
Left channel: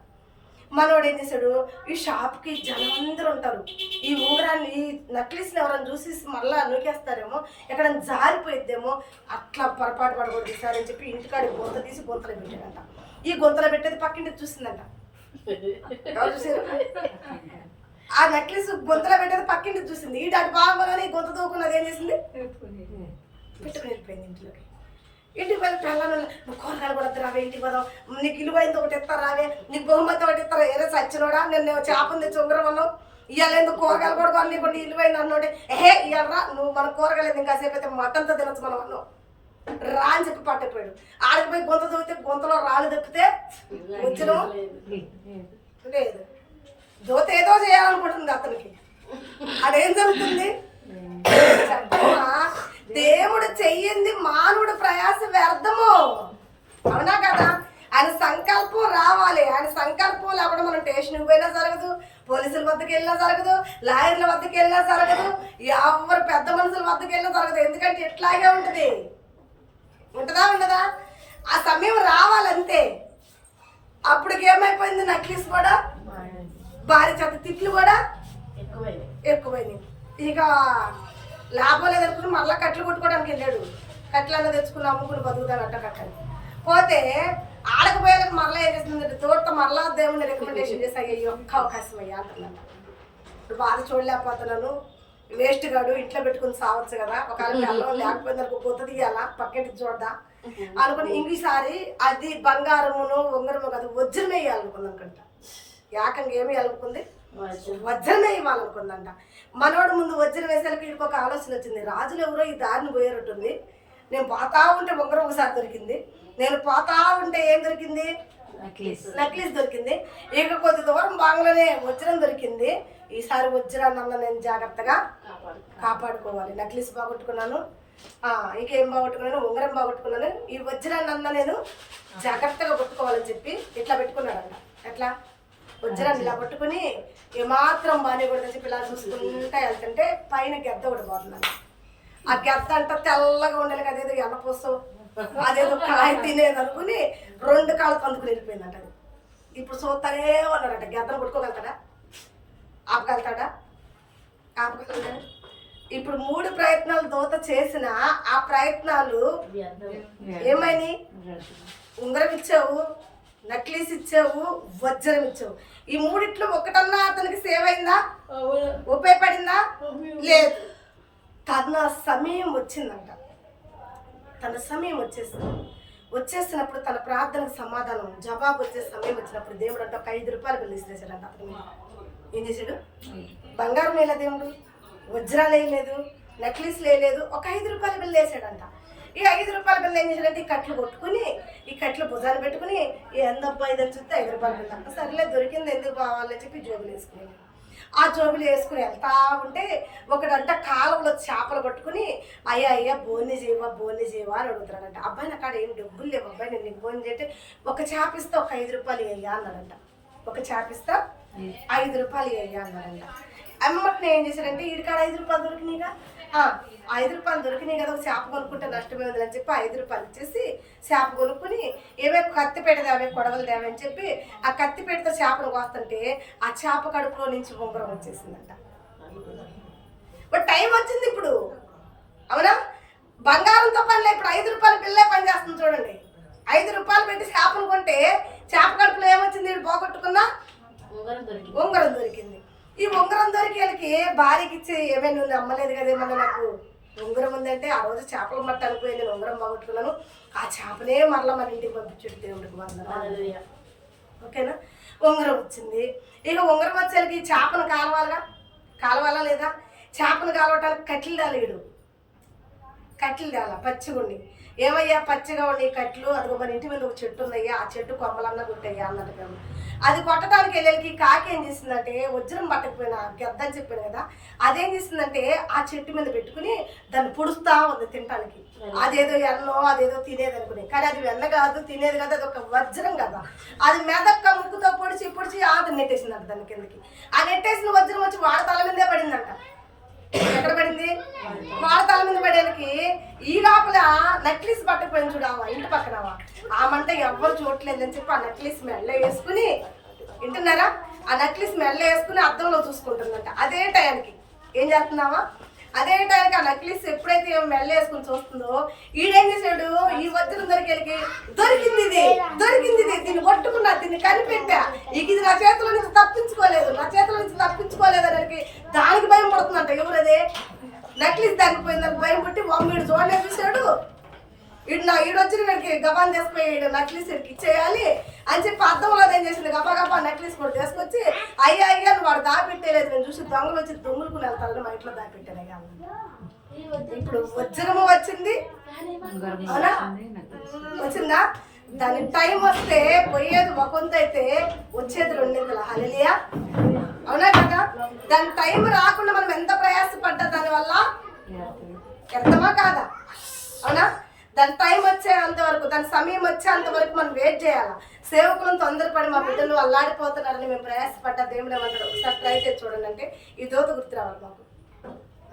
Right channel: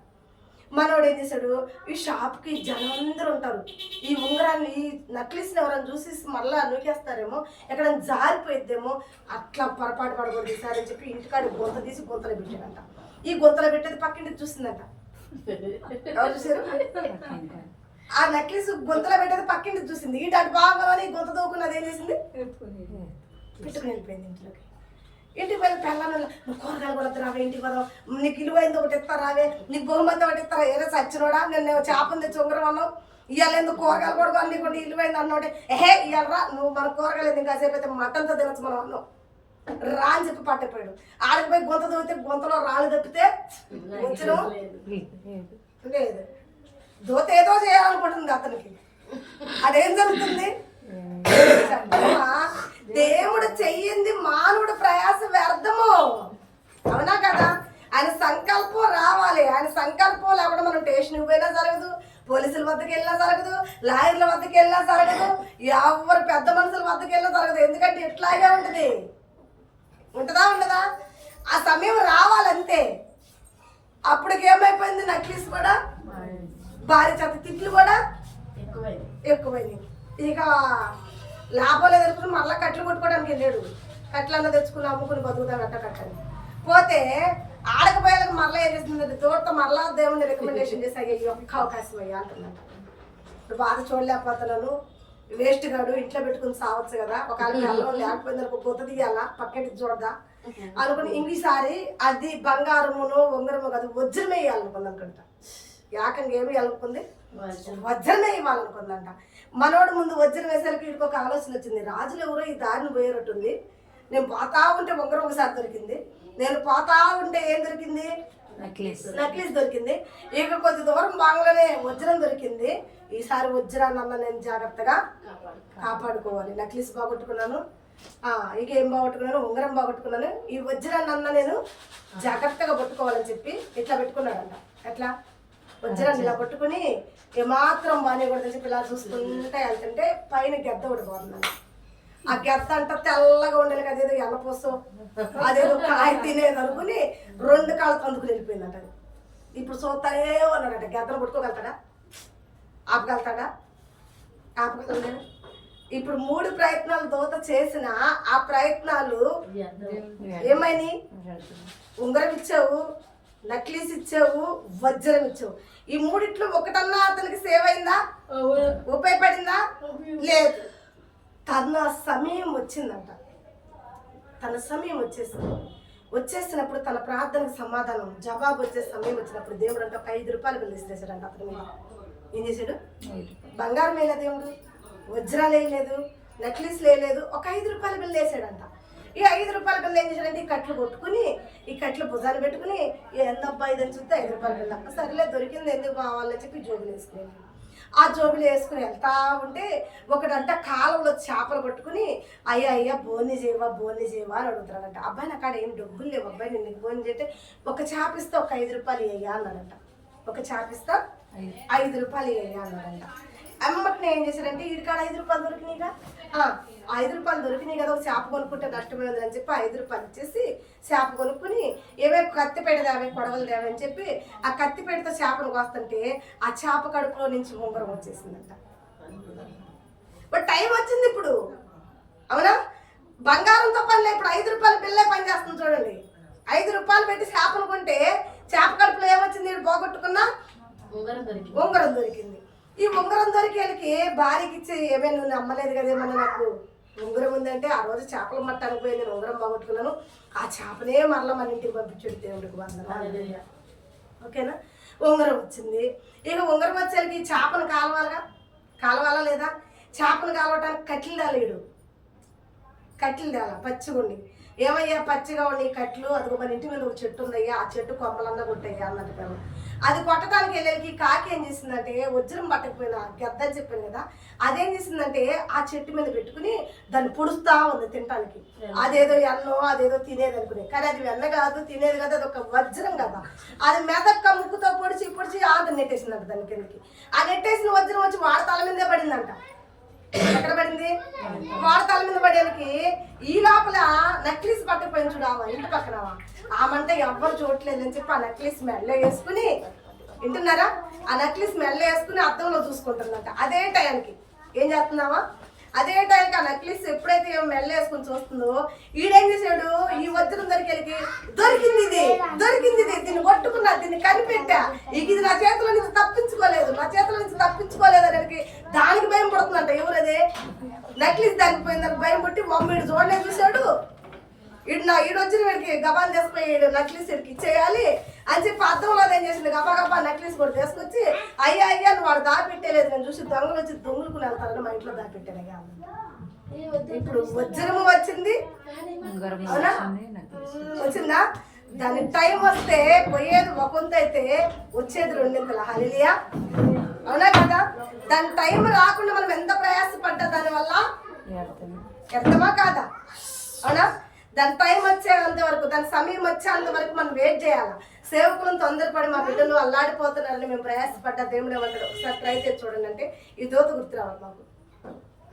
మనోడు ఏం చేశాడు? ఈ షాప్కి జనం అందరూ ఉంటారు, ఈ ఉంగరాన్ని ఈ నక్లెస్ని ఎవరైనా చూసి మళ్ళా నూకేస్తారేమో, ఎక్కడ జారిపోయిద్దేమో, అట్లా పొరపాటు పడకూడదు సార్ అని చెప్పి ఇంటికాడి గొంత తీసి గొంతలో పెట్టాడంట. ఈ గొంతలో పెట్టేది పక్కింటి చూసిందంట. ఎవరు చూసారు? ఆ నెక్లెస్ గొంతలో పెట్టేది పక్కింటి చూసింది. ఈ అటు బాగుందని గొంత దూకున్నది ఏం చేసింది? పెట్టుకుని వెళ్ళిపోయింది ఇంట్లోకి. ఇంటికి వెళ్ళి పెళ్ళాను, నువ్వు కూరగాయలు కూడా రావే, ఇంటికి పోదాం, నీకు ఇలువైంది ఒకటి ఇస్తారా రావే, నీకు బహుమతి ఒకటి ఇస్తారా, ఏదో సచ్చినోడా నేను చేపను తెచ్చి ఉంగరం అన్నావు, ఇవాళ ఎందుకు కూరగాయలు కూడా కొని నీకు ఇలువైంది అన్నోటే, ఏహే ఇవ్వరా నువ్వు మన కూరగాయలు ఇంకాసేపు అయితే మటన్తో తినచ్చు మనం అన్నావు రా అని చెప్పి పట్టిపోయాడు. ఆడికి పోయి గొంత దూకితే గొంతలో రాళ్ళు తప్పితే వచ్చిన లేదు. దోత ఏదో చేయాలనుకుంటుంది అతనికి. అదేం జరుగుతుంది? దేవుడు చెయ్యింది మానవుడు ప్రయాస వ్యర్థము, అవునా కదా. ఆయన సంకల్పం రావాలి. ఆయన సంకల్పం లేకుండా మనం స్టేషన్కి పోయినా జరగదు, పోలీసుల వద్దకు వెళ్ళినా జరగదు, లాయర్ల వద్దకు వెళ్ళినా జరగదు, ఎవరు పెద్ద మనుషుల వద్దకు వెళ్ళినా జరగదు. ఎందుకంటే ఇట్లాగే ఉంటుంది. ఉంటుందా ఉండదా? ఆ సమయం రావాలంతే. అప్పటికేమైపోయింది? నక్లీస్ కూడా భార్య చేత తిట్లు కూడా ఎక్కువైనాయి. ఇక లాభం లేదు అనుకుని మళ్ళీ కట్లు కొట్టుకోవడానికి వెళ్ళాడు. కట్లన్నా తెచ్చుకుని అమ్ముకుని బతుకుతాం కట్టని పోతే ఆడకపోయేలకు మళ్ళీ ఏం చేస్తుందంటే తోట మళ్ళా దేవుడిని రికమెండేషన్ చేసి అయ్యా ఒక్క అవకాశం అయ్యా అంటున్నాను. ఇప్పుడు బాధ చూడలేకపోతున్నాను, వేస్ట్ గాడు ఇంట్లో పెట్టుకుని సావచ్చు కదా, ఒకవేళ అల్లం లేకపోయింది అనుకో కొత్త తీయాలా పక్కింటి చూడదా అనుకుని ఇంకోసారి అది బంగారమును ఉంగరము కాదు వజ్రం వేయాలనుకుంది అనుకుంటా. ఏకంగా ఏమి వేయాలనుకుంది, వజ్రమే ఇవ్వాలనుకుందంట. మనోడు ముందు వజ్రం వేసేసరికి వీడికి ఒక ఆలోచన వచ్చింది, రాజులు ఎవరో ఈ దారిని పోయేటట్టుంది, నేను పోతా ఉంటే ఉంగరం ఒకసారి దొరికింది, నేను పోతా ఉంటే ఏం దొరికింది, నెక్లెస్ దొరికింది, ఇక కొద్ది దూరం బాగానే వజ్రం దొరికింది, ఈసారి వజ్రాన్ని అన్న నేను జాగ్రత్తగా కాపాడుకోవాలి. నెక్లెస్ బాగొట్టుకున్నాను, ఇంకేం బాగొట్టుకున్నాను, ఉంగరం బాగొట్టుకున్నాను, ఈ వజ్రాన్ని అన్న నేను జాగ్రత్తగా పట్టుకోవాలని చెప్పి ఇట్లా పెట్టుకున్నాడంట. ఎట్లా వజ్రాన్ని ఇలా పట్టుకుని ఏమాత్రం బాగానేకూడదని చెప్పి ఇలా చూసుకుంటా వెళ్తుంటే పైన గెద్ద ఒకటి పోతుందండి. ఆ గెద్ద అంట తెల్లగా ఉండాలి, అదేదో ఎన్నపోసో అదేదో కాయ తినేది అనుకుని 2 కాళ్ళు అందుకుని వెళ్ళిపోయిందంట. అది ఇప్పుడు చూస్తానే ఉన్నాడట, గెద్దను పట్టుకోగలుగుతాడా, ఆపగలుగుతాడా, ఆపగలడా? ఇప్పుడు 3 ప్రయత్నాలు దూత చేసిన ఆ ప్రయత్నాలు ఏమైనాయి, ఉంగరం ఇచ్చావు, నెక్లెస్ ఇచ్చావు, వజ్రం ఇచ్చావు, ఈ 3 ఒకటన్నా అతనికి సేవ్ అయిందా, ఉపయోగపడిందా, లేదు. తన సమయం వచ్చిందంట, తన సమయం వచ్చేసినప్పుడు తన ప్రార్థనకు సమాధానం జవాబు వచ్చే సమయం వచ్చినప్పుడు దేవుడు అంటే ఒక 5 రూపాయలు బిల్లు ఇచ్చేసాడంట. అతని మీద ఏం చేశాడు, బంగారం వేయలేదు దేవుడు, వజ్రాలు వేయలేదు, నెక్లెస్ వేయలేదు, ఒక 5 రూపాయల బిల్లు వేసాడంట. ఈ 5 రూపాయల బిల్లు ఏం చేశాడంటే ఈ కట్లు కొట్టుకుని ఈ కట్లు భుజాన్ని పెట్టుకుని ఎందబ్బా ఇదని చూస్తే 5 రూపాయల బిల్ల, సరేలే దొరికింది ఎందుకు కావాలని చెప్పి జోబులు వేసుకునేది. ఆ జోబులు వేసుకుని వెళ్తా ఉంటే ఒకడంట కాలంలో చేపలు పట్టుకుని అయ్యా బోని చేయవా అని అడుగుతాడంట. అబ్బాయి నాకు ఆడ ఏం డబ్బులు లేవు అబ్బాయి, నేను నీకు బోని చేస్తే ఒక చేప ఇస్తా ఒక 5 రూపాయలు వేయ్యా అన్నాడంట. ఒక చేప ఇస్తా 5 రూపాయలు వేయ్యా అన్నాడంట. అమ్మటిని ఏం చేశాడంటే వీడికాడ 5 రూపాయలు దొరికినాయిగా, 5 రూపాయలు దొరికినాయి కదా, ఒక చేప కొనుక్కుంటే నష్టమే ఉందని చెప్పి 5 రూపాయలు ఇచ్చేసి చేప కొనుక్కుని ఏవే కత్తిపేట దేవే కొడవలు దేవే అని చెప్పి ఆ కత్తిపేటతో చేపను కోస్తుంటే ఆ చేప కడుపులో నుంచి ఉంగరం వచ్చేసిందంట. టైం వచ్చింది ఇప్పుడు, అవునా? బంగారంతో పనిలే, ఇప్పుడు 5 రూపాయల బిల్లే పని చేస్తుంది చూడండి. 5 రూపాయలు పెట్టి చేపను కొంటే చేప కడుపులో ఏమొచ్చింది, పోగొట్టుకున్నా ఉంగరం దొరికింది. ఈ ఉంగరం దొరికేళ్ళకి భార్యకి ఇచ్చి ఏమే నువ్వు నమ్మలేదు కదేమన్నా నాకు ఉంగరం ఉందంటే, ఆ రోజు చేపల మట్ట అనిపోయి నేను ఉంగరం బాగొట్టుకున్నాను, ఆ చేపనే మరలా మన ఇంటికి పంపించాడు దేవుడికి వందనాలు. ఓకేనా? ఉంగరం వచ్చింది. ఇక ఉంగరం వచ్చేళ్ళకి చేపను కాలవాలా లేదా, చేపను కాలవటానికి కట్టెలు దాలేడు, కట్టెలు తేలా పచ్చిగుండి, ఏమయ్యా పచ్చిగా ఉండి కట్లు అదిగో మన ఇంటి మీద ఒక చెట్టు ఉందయ్యా, ఆ చెట్టు కొమ్మలన్నా కొట్టయ్యా అన్నట్టు. అది కొట్టడానికి వెళ్ళేకి కాకి ఏం చేసిందంటే వజ్రం పట్టకపోయినా గెద్దని చెప్పాను కదా, అదేం చేసిందంటే ఆ చెట్టు మీద పెట్టుకుని దాన్ని పుడుస్తా ఉంది తినటానికి. అదేదో ఎన్నో అదేదో తినేది అనుకుని, కానీ అది వెన్న కాదు, తినేది కదా, అది ఒక వజ్రం కదా. అది మెదక్క ముక్కుతో పొడిచి ఆది నెట్టేసిందంట దాని కిందకి. ఆ నెట్టేసిన వజ్రం వచ్చి వాడి తల మీదే పడిందంట. ఎక్కడ పడింది, వాడి తల మీద పడేకి. ఈ లోపల నెక్లెస్ పట్టుకుపోయిన చూడావా ఇంటి పక్కనవా, ఆమంటే ఎవ్వరు చూడలేదని చెప్పి ఆ నెక్లెస్ మెల్ల వేసుకుని, వింటున్నారా, ఆ నెక్లెస్ మెల్ల వేసుకుని అద్దంలో చూసుకుంటుందంట. అదే టయానికి ఏం చేస్తున్నావా, అదే టయానికి ఆ నెక్లెస్ ఎప్పుడైతే మెల్ల వేసుకుని చూస్తుందో ఈడేం చేశాడు, ఈ వజ్రం దొరికింది ఇది దీన్ని పట్టుకున్నా, దీన్ని కనిపెట్టా, ఇది నా చేతిలో నుంచి తప్పించుకోలేదు అని దానికి భయం పడుతుందంట. ఎవరదే నెక్లెస్ తగ్గిపోయిందని భయం పట్టి వీడు చూడనే చూశాడు, ఈడొచ్చిన వీడికి గబాన్ తీసుకుపోయాడు, నెక్లెస్ వీడికి ఇచ్చేయాలి అని చెప్పి అద్దంలో ఏం చేసింది, గబా నెక్లెస్ కూడా తీసుకొచ్చి అయ్యా నువ్వు వాడు దాపెట్టేలేదు, నేను చూసి దొంగలు వచ్చి దొంగలుకుని వెళ్తారని మా ఇంట్లో దాపెట్టానయ్యా. ఇప్పుడు వజ్రము వచ్చింది, అవునా వచ్చిందా? దాని టైం వస్తే పోయేది ఒకంత అయితే వచ్చేది 2 హల్లెలూయా, అవునా కదా? దాని టైం రాకుండా మనం ఎంత ప్రయాసపడ్డా దానివల్ల వ్యర్థమా కాదా, అవునా? దాని టైం వచ్చేంత వరకు, దాని సమయం వచ్చేంత వరకు మనం వెయిట్ చేయాలా. సేవకులను తొందరపడి మా బిడ్డలు అల్లాడిపోతున్నారని మేము ప్రయాసపడ్డా దేవుడు ఏమంటాడు, ఒకసారి ట్రై చేసి చూడండి అంటే ఈ దోత గుర్తు రావాలి మాకు,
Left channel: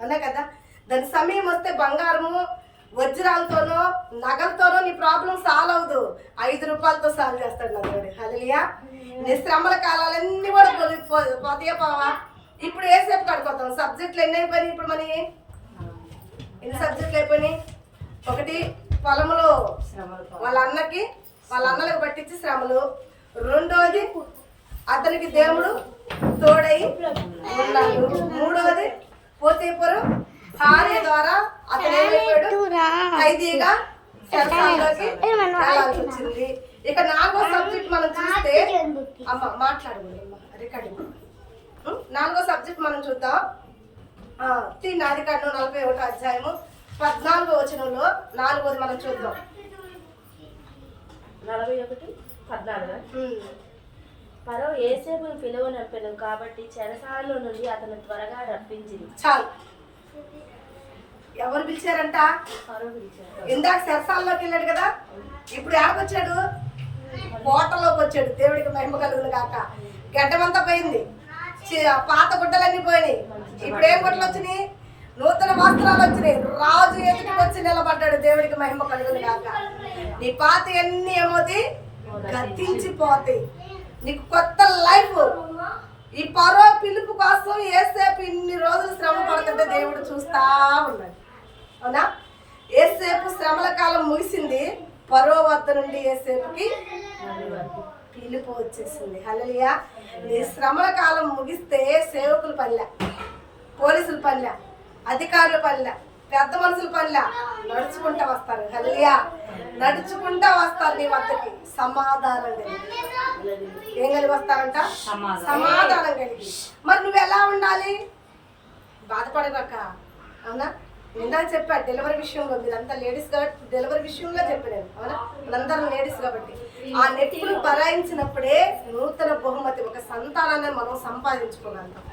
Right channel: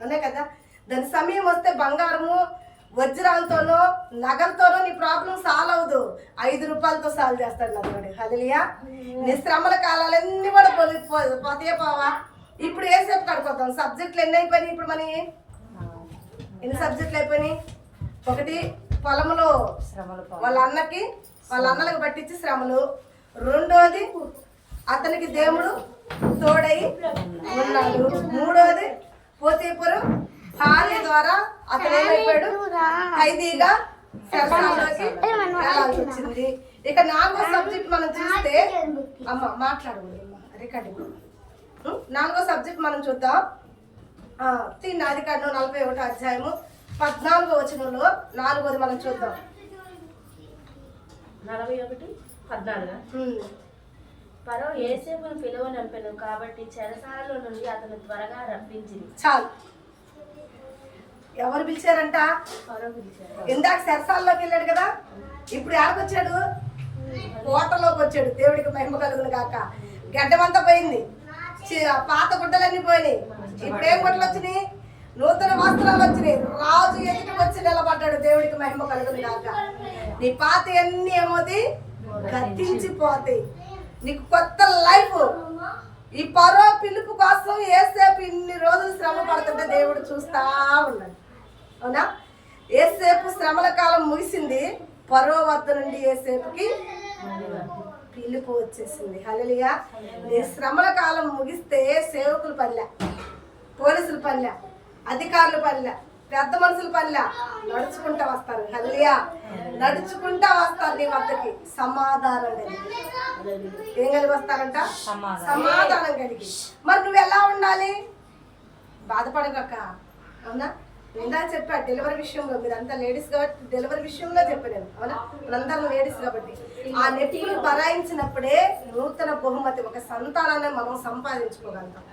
అవునా కదా? దాని సమయం వస్తే బంగారము వజ్రాలతోనో నగలతోనో నీ ప్రాబ్లం సాల్వ్ అవ్వదు, 5 రూపాయలతో సాల్వ్ చేస్తాడు నా దేవుడు. హల్లెలూయా. నీ శ్రమల కాలాలన్నీ కూడా పోతాయా పోవా. ఇప్పుడు ఏ సేపు కడుకోతాం, సబ్జెక్టులు ఎన్ని అయిపోయినాయి ఇప్పుడు మనకి, ఎన్ని సబ్జెక్టులు అయిపోయినాయి? 1 పొలంలో వాళ్ళ అన్నలకు పట్టించి శ్రమలు, 2వది అతనికి దేవుడు తోడై ఉన్నాడు, 3వది పోతీఫరు భార్య ద్వారా అతను ఏమైపోయాడు, ఖైదీగా చెరసాల్లోకి వెళ్ళాల్సి వచ్చింది. ఇక 4వ సబ్జెక్ట్ మనం చూస్తే, అమ్మ మాట్లాడకూడదమ్మా, రికార్డింగ్. 4వ సబ్జెక్ట్ మనం చూద్దాం. ఆదికాండం 41వ అధ్యాయము 14వ వచనంలో 4వది మనం చూద్దాం. 41:14. ఫరో యోసేపును పిలువనంపెను కాబట్టి చెరసాలలో నుండి అతను త్వరగా రప్పించింది. చాలు. ఎవరు పిలిచారంట? ఫరో పిలిచాడు. ఇందాక చెరసాల్లోకి వెళ్ళాడు కదా, ఇప్పుడు ఎక్కడికొచ్చాడు? కోటలోకి వచ్చాడు. దేవుడికి మహిమ కలుగును కాక. గడ్డమంతా పోయింది, పాత గుడ్డలన్నీ పోయినాయి. ఇప్పుడు ఏం గుడ్డలు వచ్చినాయి? నూతన వస్త్రాలు వచ్చినాయి. రాజు ఎదుటికి వచ్చి నిలబడ్డాడు. దేవుడికి మహిమ కలుగును కాక. నీ పాత అన్ని ఏమవుతాయి? గతించిపోతాయి. నీకు కొత్త లైఫ్. ఈ ఫరో పిలుపు కోసం యేసేపు ఇన్ని రోజులు శ్రమ పడుతుంటే దేవుడు చూస్తా ఉన్నాడు. అవునా? యేసేపు శ్రమల కాలం ముగిసింది. ఫరో వద్ద నుండి యేసేపుకి పిలుపు వచ్చేసింది. హల్లెలూయా. నీ శ్రమల కాలం ముగిస్తే సేవకుల పనిలే, పోలీసుల పనిలే, అధికారుల పనిలే, పెద్ద మనుషుల పనిలే, నడుచుకుంటా వస్తారు. హల్లెలూయా. నడుచుకుంటా వస్తారు నీ వద్దకి సమాధానం కలిగి. ఏం కలిగి వస్తారంట? సమాధానం కలిగి. మరి నువ్వు ఎలా ఉండాలి? బాధపడగాక. అవునా? నిందా చెప్పా డెలివరీ విషయంలో, మీరంతా లేడీస్ కాబట్టి డెలివరీ విషయంలో చెప్పాను. అవునా? మనందరం లేడీస్ కాబట్టి ఆ నొప్పులు భరాయించినప్పుడే నూతన బహుమతి, ఒక సంతానాన్ని మనం సంపాదించుకోగలుగుతాం.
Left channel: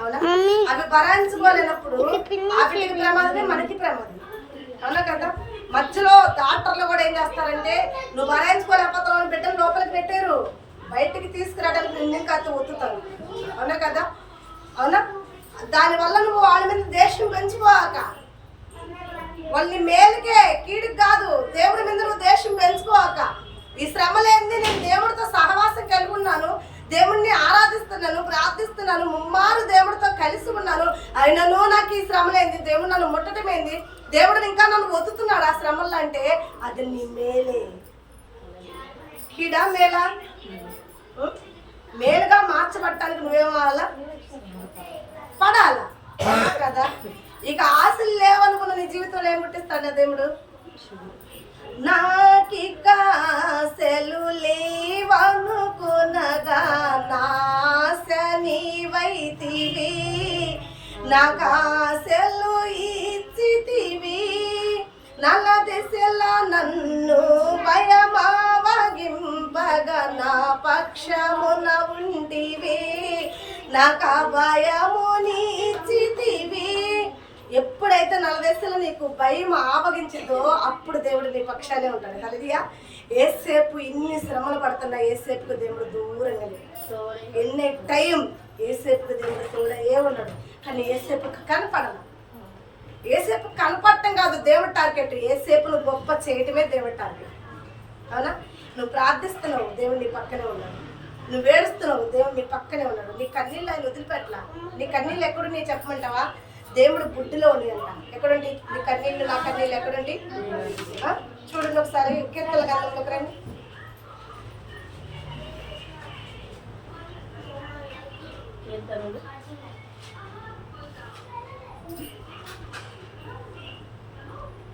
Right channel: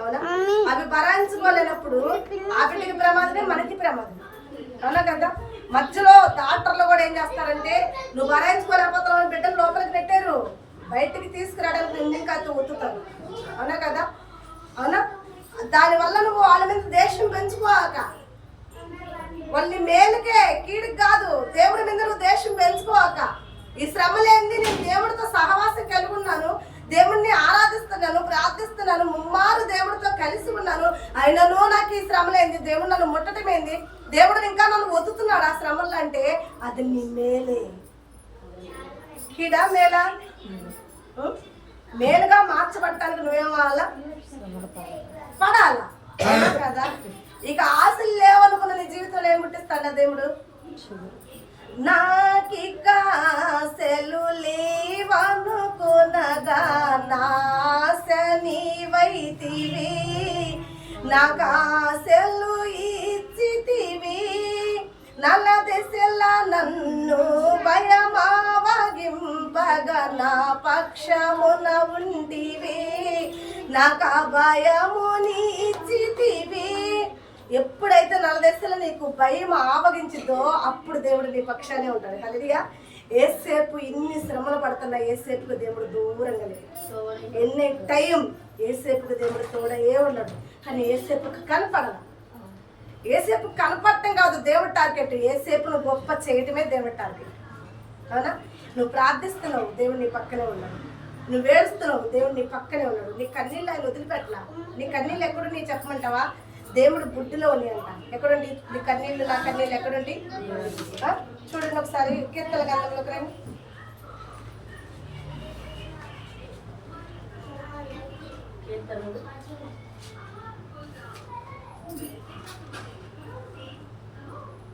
అవునా? అవి భరాయించుకోలేనప్పుడు ఆ బిడ్డకి ప్రమాదమే, మనకి ప్రమాదం. అవునా కదా? మధ్యలో డాక్టర్లు కూడా ఏం చేస్తారంటే, నువ్వు భరాయించుకోలేకపోతావు అని బిడ్డను లోపలికి పెట్టారు, బయటికి తీసుకురావడానికి నింకా ఒత్తుతారు. అవునా కదా? అవునా? దానివల్ల నువ్వు వాళ్ళ మీద దేశం పెంచుకోవాక, వాళ్ళని మేలుకే కీడుకు కాదు, దేవుడి మీద నువ్వు దేశం పెంచుకోవాక. ఈ శ్రమ లేనిది నేను దేవుడితో సహవాసం కలిగి ఉన్నాను, దేవుడిని ఆరాధిస్తున్నాను, ప్రార్థిస్తున్నాను, ముమ్మారు దేవుడితో కలిసి ఉన్నాను, అయినను నాకు ఈ శ్రమ లేనిది, దేవుడు నన్ను ముట్టటమేంది, దేవుడు ఇంకా నన్ను ఒత్తుతున్నాడు ఆ శ్రమల్లో అంటే అది నీ మేలే. కీడా మేలా? మేలుగా మార్చబడటానికి నువ్వేమవ్వాలా? పడాలా కదా? ఇక ఆశలు లేవనుకున్న నీ జీవితంలో ఏం పుట్టిస్తాడు దేవుడు? నాకిక ఆశలు లేవనుకునగా నాశ నీవైతివి, నాకు ఆశలు ఇచ్చితివి, నల్ల దిశల నన్ను భయమావగింపగా నా పక్షమున ఉంటివి, నాకు భయమునిచ్చితివి. ఎప్పుడైతే నలదశలో నీకు భయం ఆవగించిందో అప్పుడు దేవుడు నీ పక్షానే ఉంటాడు. హల్లెలూయా. ఏసేపు ఇన్ని శ్రమలు పడుతున్నా ఏసేపుకు దేవుడు దూరంగా లేదు. ఎన్ని టైం ఏసేపుకు దేవుడు తోడయే ఉన్నాడు. కానీ ఏసేపుకు కనపడాల. ఏసేపు కనపడటం కాదు దేవుడి టార్గెట్, ఏసేపును గొప్ప చేయటమే దేవుడి టార్గెట్. అవునా? నువ్వు ప్రార్థిస్తున్నావు, దేవుడు నీ పక్కనే ఉన్నాడు. నువ్వు ఏడుస్తున్నావు, దేవుడు నీ పక్కనే ఉన్నాడు. నీ కన్నీళ్ళు ఆయన వదిలిపెట్టలా. నీ కన్నీళ్ళు ఎక్కడున్నాయి చెప్పమంటావా? దేవుడు బుడ్డిలో ఉన్నాయి అంట. ఎక్కడుండి నీ కన్నీళ్ళు, నా కన్నీళ్ళు ఎక్కడుండి? చూడండి ఒకసారి కీర్తన గ్రంథంలోకి రండి.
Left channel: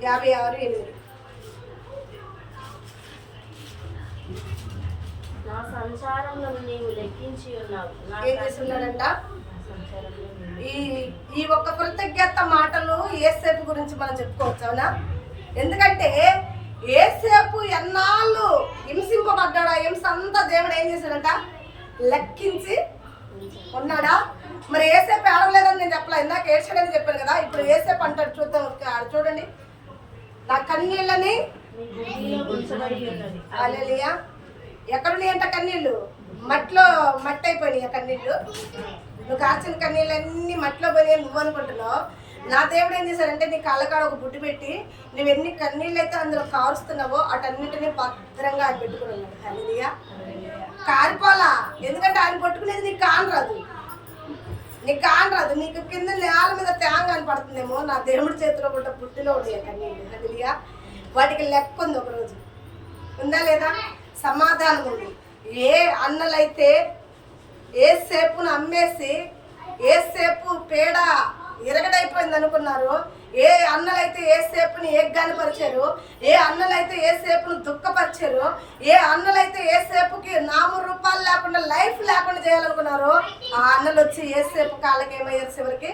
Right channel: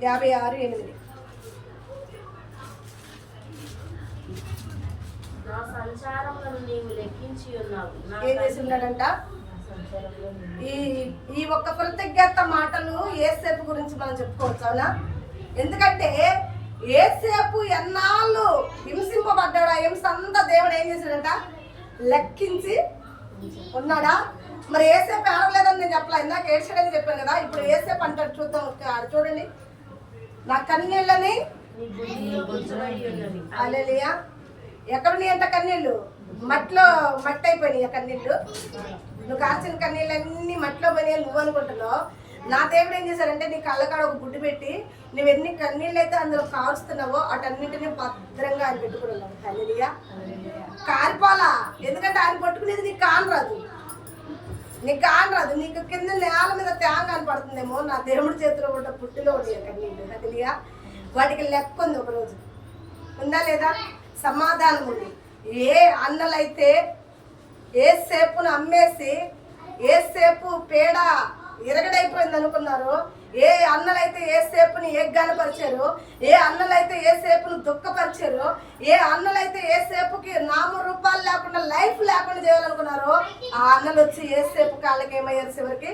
నా 56:8. సంసారంలో నీవు లెక్కించి ఉన్నావు. ఏం చేసి ఉన్నాడంట? ఈ ఒక్క కృతజ్ఞత మాటలు యేసేపు గురించి మనం చెప్పుకోవచ్చు. అవునా? ఎందుకంటే యేసేపు ఎన్నాళ్ళు హింసింపబడ్డాడు, ఆ హింస అంతా దేవుడు ఏం చేశాడంట? లెక్కించి ఉన్నాడా? మరి యేసేపు ఏడవలేదని నేను చెప్పలే, ఇందాక ఏడ్చాడని చెప్పాను కదా. ఇప్పుడు యేసేపు అంటాడు, చూద్దాం. చూడండి, నా కన్నీళ్ళని. హల్లెలూయా. ఎక్కడున్నాయి అంట కన్నీళ్ళు? మట్టి అయిపోయినాయి కన్నీళ్ళు. నువ్వు కార్చిన కన్నీళ్ళన్నీ మట్టిలో పోయి నువ్వు అనుకుంటున్నావు. నా దేవుడు ఏం చేశాడంటే నీ కళ్ళకాడ ఒక బుడ్డు పెట్టి నువ్వు ఎన్ని కన్నీళ్ళు అయితే అందులో కారుస్తున్నావో అటన్నిటిని భద్రంగా ఆయన పెట్టుకున్నాడు. హల్లెలూయా. కారిపోలా, ఎందుకంటే ఆయన పట్టుకునేది నీకు కానరాదు, నీకు కింద నేల మీద తేంగా అని పడుతుందేమో. నా దేవుడి చేతిలో పుట్ట పుట్టిలో ఉండే కన్నీళ్ళు. హల్లెలూయా. వాటికి లెక్క ఉంది, ఒకరోజు ఉందా లేదా? సమాధానం ఉంది. ఏ అన్నలైతే ఏసేపును అమ్మేసి ఏసేపు పేడ ఎరగడైపోయింది అనుకున్నారు. ఏ అన్నలైతే ఏ సేపుని ఏగ్గానపరిచారు, ఏ అన్నలైతే ఏ సేపును దుఃఖపరిచారు, ఏ అన్నలైతే ఏ సేపుకి నామరూపాలు లేకుండా లైఫ్ లేకుండా చేయాలనుకున్నారు, ఆ అన్నలు వచ్చి ఏ సేపు కాళ్ళకి ఏమయ్యారు, చివరికి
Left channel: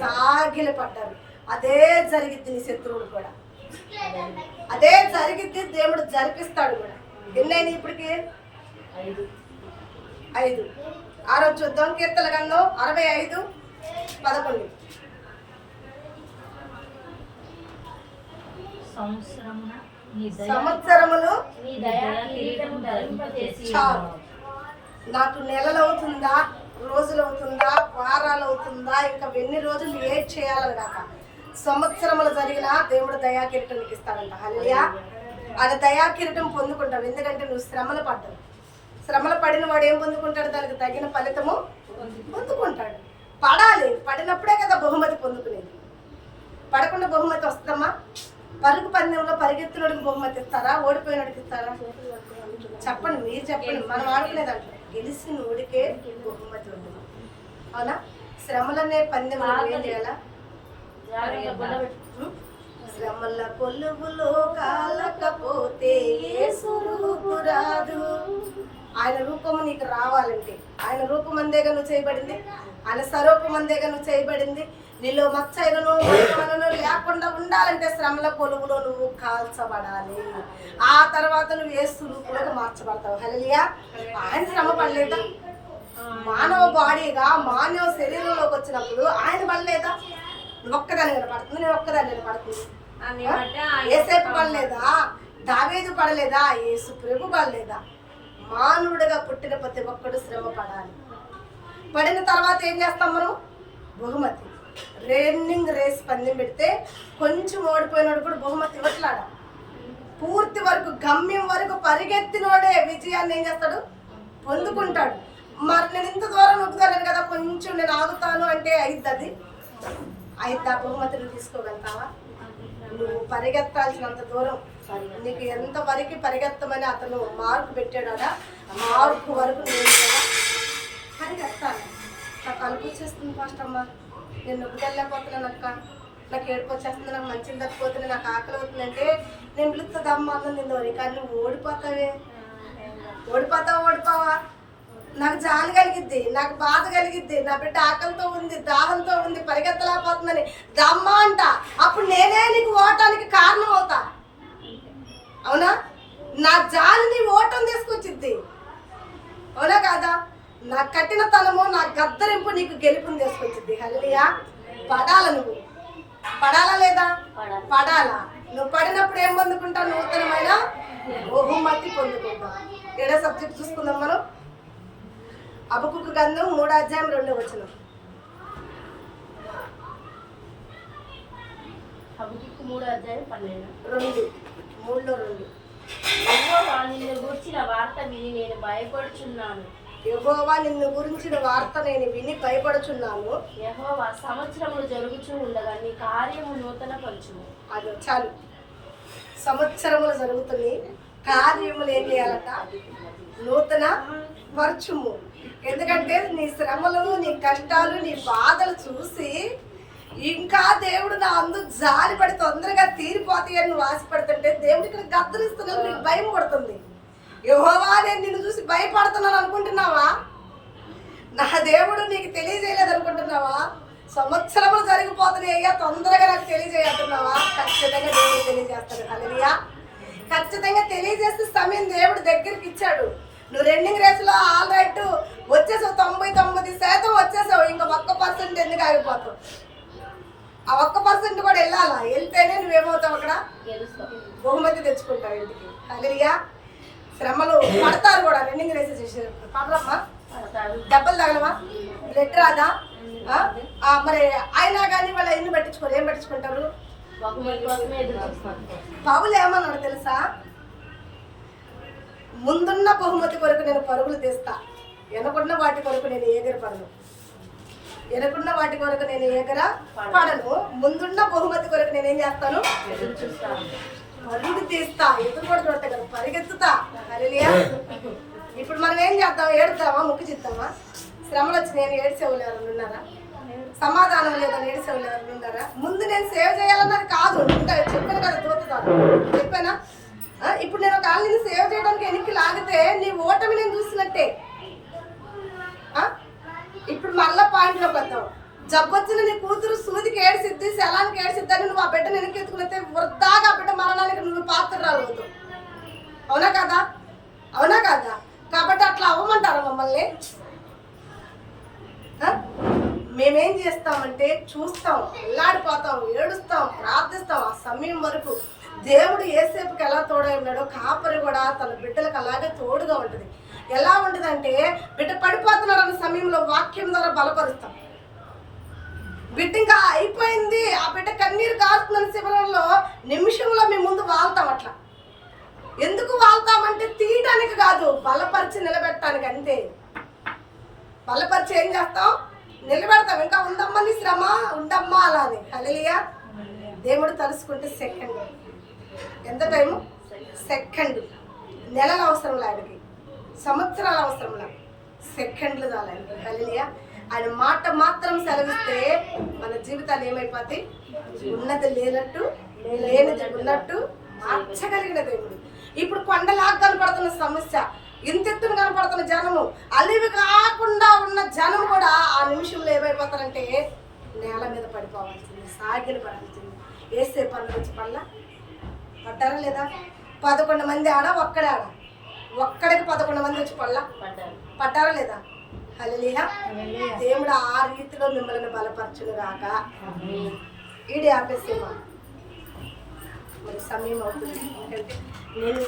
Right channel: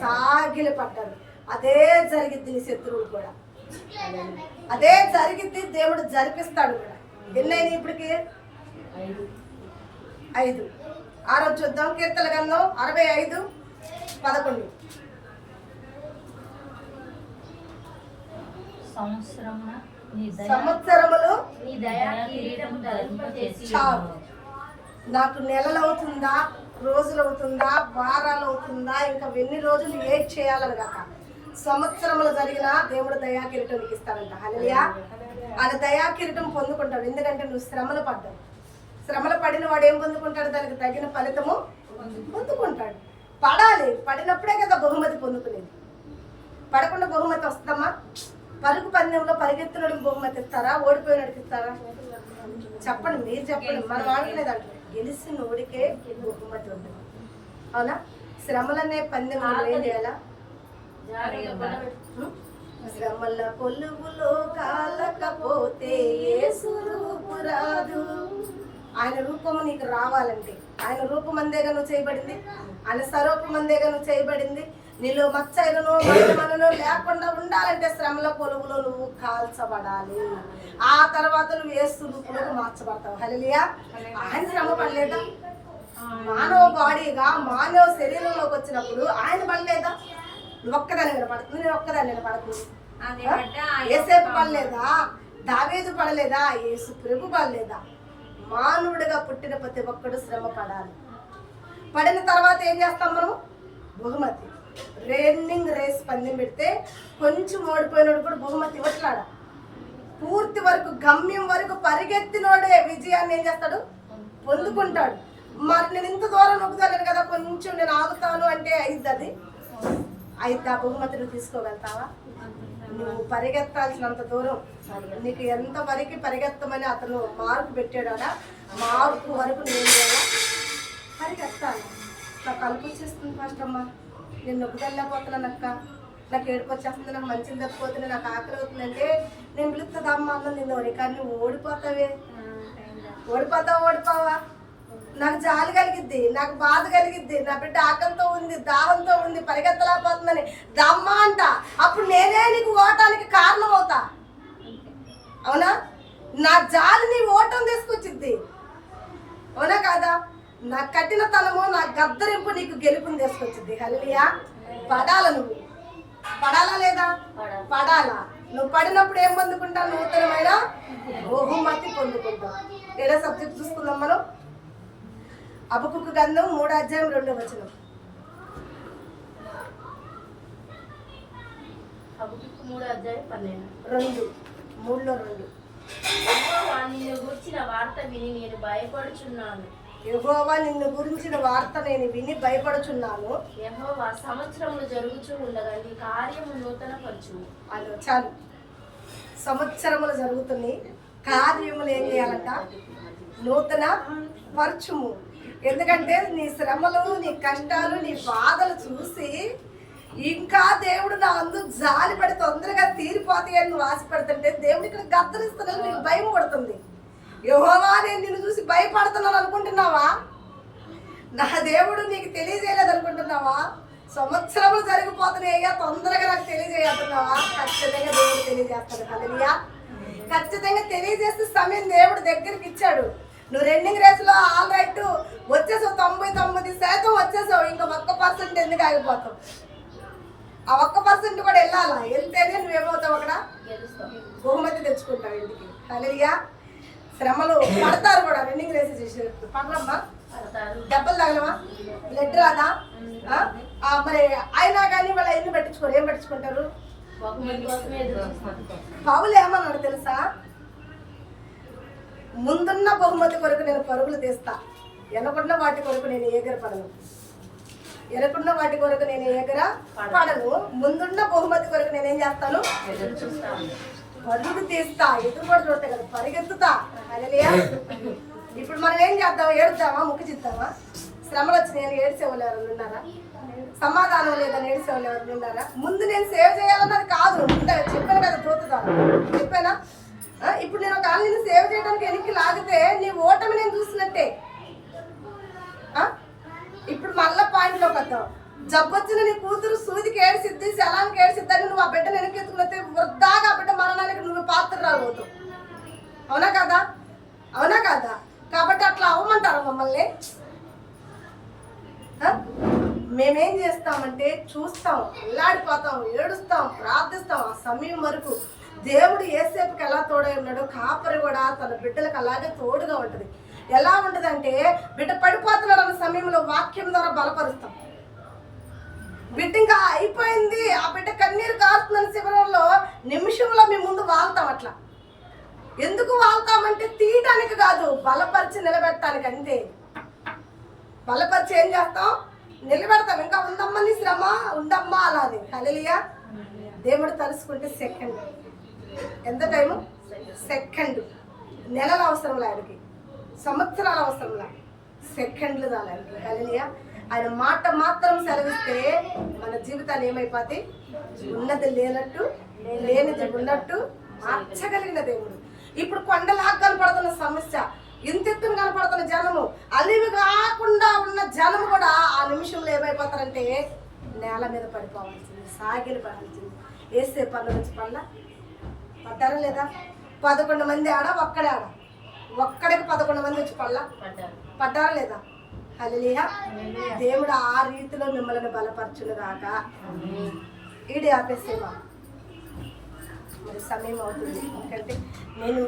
సాగిలి పడ్డారు. అదే జరిగిద్ది నీ శత్రువులు కూడా, అదే జరిగిద్ది. దేవుడు జరిపిస్తాడు కూడా. ఎన్నైనా ఇప్పటికి 5. ఆ రోజు చూద్దాం. కీర్తన గ్రంథం 65:11. సంవత్సరములు చాలు. నాకు నెలలు అవుతుందా, రోజులు అవుతుందా, వారాలు అవుతుందా, ఇంకా ఎన్ని రోజులు ఏడ్ చేయాలని కాక సంవత్సరములు జరిగినా దేవుడు దయా కిరీటం నీకు ఇస్తాడంట. హల్లెలూయా. ఆయన దయా కిరీటం పొందుకుంటావు. ఎందుకంటే నువ్వు శ్రమలు పడ్డావు. శ్రమలు పడిన వాడు ఏం పొందుకుంటాడు? దానికి తగిన ఫలితము పొందుకుంటాడు. పడాలి. పడినప్పుడే కదా బహుమతి పొందుకునేది. పడకుండా బహుమతి వస్తుందమ్మా? పరుగు పందెంలో పరిగెత్తునడికి బహుమతి ఇస్తారా, ఓడిపోయినడికి ఇస్తారా? చెప్పండి, మీరు చెప్పండి. మనం ఆడుకునే దాంట్లో గెలిచిన ఓడికే బహుమతి ఉంటుంది. అవునా? శ్రమలనే పందెంలో ఏం చేయాలా? శ్రమల కొలువులో కాలకపోతే యేసు రూపు రాదు. ఆయన రూపము నీకు రావాలంటే, ఆయన రూపమందేగా నువ్వు చేయబడింది, ఆయన స్వరూపమందేగా నువ్వు చేయబడింది. నీలో మచ్చైదును మరణమను లేకుండా ఉండాలంటే శ్రమల కొలువులో నువ్వు కాల్చబడాలి. ఆ తర్వాత నువ్వు యేసు రూపులోకి మార్చబడతావు. హల్లెలూయా. ఆయన శ్రమ పడలేదా? మానవ బాడీగా మానవ శరీరంలోకి వచ్చినప్పుడు ఆయన పడలేదా? నువ్వు ఒక్కదాన్ని నిలబడుతుంది, నేను ఒక్కదాన్ని నిలబడుతుంది. ఏసేపు పడలేదా? దావీదు పడలేదా? యేసు ప్రభు పడలేదా? మానవుడిగా పుట్టిన ప్రతి ఒక్కడు శ్రమ పడాలి. పడిన తర్వాత ఏం చేస్తాం మనం? బహుమతి. రన్నింగ్ రేస్ పందెం పెడితే కొంచెం ఓడిపోయినోడు కూడా బహుమతి ఇవ్వట్లాడ. పూర్తి వరకు గమ్యం వరకు పరిగెత్తినోడే విజయాన్ని ఏం చేస్తాడు? పొందుకుంటాడు. మరి నేను ఇంత దూరం నొక్కుతాను కదా, కొంచెం నేను ఆగుతాను అంటే అయిద్ది. ఆ బహుమతి నువ్వు తీసుకోగలుగుతావా? నువ్వు పరిగెత్తాల్సినంత దూరం, నీకు ఎంత వరకు పరిగెత్తమని అతను మార్కు పెట్టాడా, మార్కు వరకు నేను పరిగెత్తాను. నాకు కలుపు వచ్చేస్తుంది ఫస్ట్ అమ్మ, నేను నొక్కుకెళ్ళకపోతున్నాను అక్క, నాకు ఏడుపు వచ్చేస్తుంది, నాకు మంచిది తప్పిపోతుంది, నాకు ఆకలి అవుతుందంటే నేను పిలుస్తుందమ్మ అన్నం తిందోని. కానీ నువ్వు ఓడిపోతావే. ఓడిపోవా? నాకు జాలి కలిగిద్ది, నాకు బాధ కలిగిద్ది, నా బిడ్డ ఆకలితో ఉంది, దాహంతో ఉంది, పరిగెత్తలేకపోతుందని దమ్మా అంట. అప్పుడు నేనే నీకు ఓటానికి కారణం అవుతా. అవునా? నా జాలి నీ ఓటం తీసుకొచ్చిద్ది. అవునా కాదా? నా కఠినతనము, నా గద్దరింపు నీకు గెలుపుని తీసుకొచ్చిద్ది. హల్లెలూయా. పడాల. నువ్వు పడాలా లేదా? పడాలా. నువ్వు పడినప్పుడు ఏం పొందుకుంటావు? నూతనమైన బహుమతి పొందుకుంటావు. 7వ సబ్జెక్ట్ చూసుకుందాం మనం. హబక్కూకు గ్రంథం 3:2. హబక్కూకు 3:12. 3:2. యెహోవా నిన్ను గురించిన వార్త విని నేను భయపడుచున్నాను. యెహోవా నిన్ను గురించిన వార్త నేను విని భయపడుచున్నాను. యెహోవా సంవత్సరములు జరుగుచూ ఉండగా నీ కార్యము నూతన పరచుము. అది చాలు. సంవత్సరములు జరుగుతున్నాయి, కార్యములు ఏం చేయాలంట? నూతన పరచుము. ఎందుకంటే నీ శ్రమలు, నీ కష్టాలు, నీ బాధలు చూసి ఇంకా దేవుడు నా అందుకు జాలి పడి తొందరగా తీరిపోతాయని నువ్వు ఆశపడుతుంటే దేవుడు ఇక్కడ గద్దరిస్తున్నాడు. నీకు భయం పడుతుంది. యెహోవా నేను నిన్ను చూసి భయపడుతున్నాను అనుకుంటున్నావా? నా దేవుడు నీకు తెలియజేయలేదు అనుకుంటున్నావా? సంవత్సరములు జరిగిపోతున్నాయి అయ్యా, తొందరగా నాకు తెలియజేయతున్నావా? ఖచ్చితంగా దేవుడు తెలియజేస్తాడు. హల్లెలూయా. ఖచ్చితంగా తెలియజేస్తే సమయం దేవుడు దగ్గరికి ఇచ్చాడు. నువ్వు రన్నింగ్ రేసులో ఆల్ రైట్ వచ్చేసావు, 99% వచ్చేసావు. ఇంకా 1% ఎందుకు ఆగిపోతావు? ఆ 1% కూడా వెళ్ళాలా? వెళ్తేనే నువ్వేమవుతావు? అక్కడ బహుమతి తెచ్చుకుంటావు ఇంటికి. హల్లెలూయా. శ్రమలు పడతారు కూడా. రన్నింగ్ రేస్ చేసేటప్పుడు పడలమ్మా, దెబ్బలు తగలమా, బ్లడ్ రాదా? మరి అయినా కానీ వాళ్ళు ఎన్ని పట్టించుకోరు. ఏం పట్టించుకుంటారు? పౌలు ఏమన్నాడు తెలుసా? ముందున్న బహుమతి కొరకు నేను పరుగులు తీస్తా, వెనకున్న వాటి కొరకు నేను ఎగరపడను. వెనకున్న వాటి కొరకు నేను ఎగరపడను, ముందున్న బహుమతి కొరకు నేనేం చేస్తాను? పరుగు తీస్తా. ఎదురు కూడా చూడతా కదా, పరిగెత్తుతా. హల్లెలూయా. ఇప్పుడు మనం ఏం చేద్దాం? ఏడుద్దామా? ముక్కు చిద్దామా? శ్రమలు వచ్చి నేను ఏడ్చేవాళ్ళు ఎవరు ఉన్నారా? సమాధానం లేదని ఏడిసేవాళ్ళు ఎవరు ఉన్నారా? ముందు నేను సేవ్ చేయాలన్నది కాదు, చెప్పాను కదా దూత ద్వారా చెప్పానా? ఇప్పుడు నేను ఒక నిన్ను సేవ్ చేయడానికి వెనక్కి లాగితే నీ ఓటమి నేను చూసినట్టే. ఇప్పుడు మళ్ళా పాయింట్లోకి వద్దాం. జబ్బొచ్చిన నీ కూతురు సూదికి ఏడ్చిద్ది, శలానికి ఏడ్చిద్దని నువ్వు ఆ బిడ్డను వెనక్కి ఎత్తుకున్నైతే వృద్ధాగా ఆ బిడ్డ మరణానికి నువ్వు పాత్రరాలు అవుతావు. అవునా కదా? అవునా కదా? కాబట్టి అట్లా అవ్వమంటారా మమ్మల్ని? మేమేం చేస్తామంటే చూస్తాం, అల్లాడిపోతాం, ఏడుస్తాం, ప్రార్థిస్తాం. ఆ సమయం వరకు దేవుడు ఏసేపుకి ఎలా తోడై ఉన్నాడో కాపరి కూడా తన బిడ్డలకు అలాగే తోడుగా ఉంటుంది. ఎలా ఉంటుందంటే బిడ్డ పడిపోతున్నాడు అన్న సమయంలో వాక్యం ద్వారా బలపరుస్తాం. బిడ్డ ఇంకా అయిపోయింది, ఆ బిడ్డ కన్నీరు కారుతున్న శిబిరంలో నిమిషంలో మేము ముందు వాళ్తాం. అట్లా ఎందుకు వాళ్తామంటే తీయటానికి కాదు, బలపరిచి నిలబెట్టడానికి. అంతే. బలపరిచి ఏం చేస్తాం? నిలబెడతాం. ఇంకా ఉందమ్మా నీ శ్రమ, ఉండమ్మా అలా అని. హల్లెలూయా. దేవుడు తలుసుకుంటే సెకండ్. ఎంత టైము? సెకండ్. నెలలు అవసరంలా ఆయనకి, సంవత్సరాలు అవసరంలా, సెకండ్లు చాలు ఆయనకి. హల్లెలూయా. ఆయన మాట మాత్రం సెలవిస్తే మన జీవితాలు ఏమైపోతాయి? ఉన్నది లేనట్టు, లేనిది ఉన్నట్టు మార్చగలిగిన దేవుడు. ఇప్పుడు కొండలాగా కనపడుతున్న సమస్య, ఇంతెత్తున కనపడుతున్న జనము, అలివి కాకుండా ఉన్న జనము కూడా ఆ నిమిషంలో ఏమైపోతారంటే నేల మీద పడిపోవాల్సింది, సాగిలి పడాల్సింది. వేసే పనులు వచ్చి పడ్డారా లేదా? 11 మంది ఆడ, ఒక్కడే ఆడ, ఒక్కడికి 11 మంది వచ్చి పడ్డారా లేదా? హల్లెలూయా. దేవుడు ఆ రీతిలో మిమ్మల్ని బలపరచును గాక. ఈడే ఆపేసేవా? మరి సమయం అవుతుంది. ఎందుకంటే నేను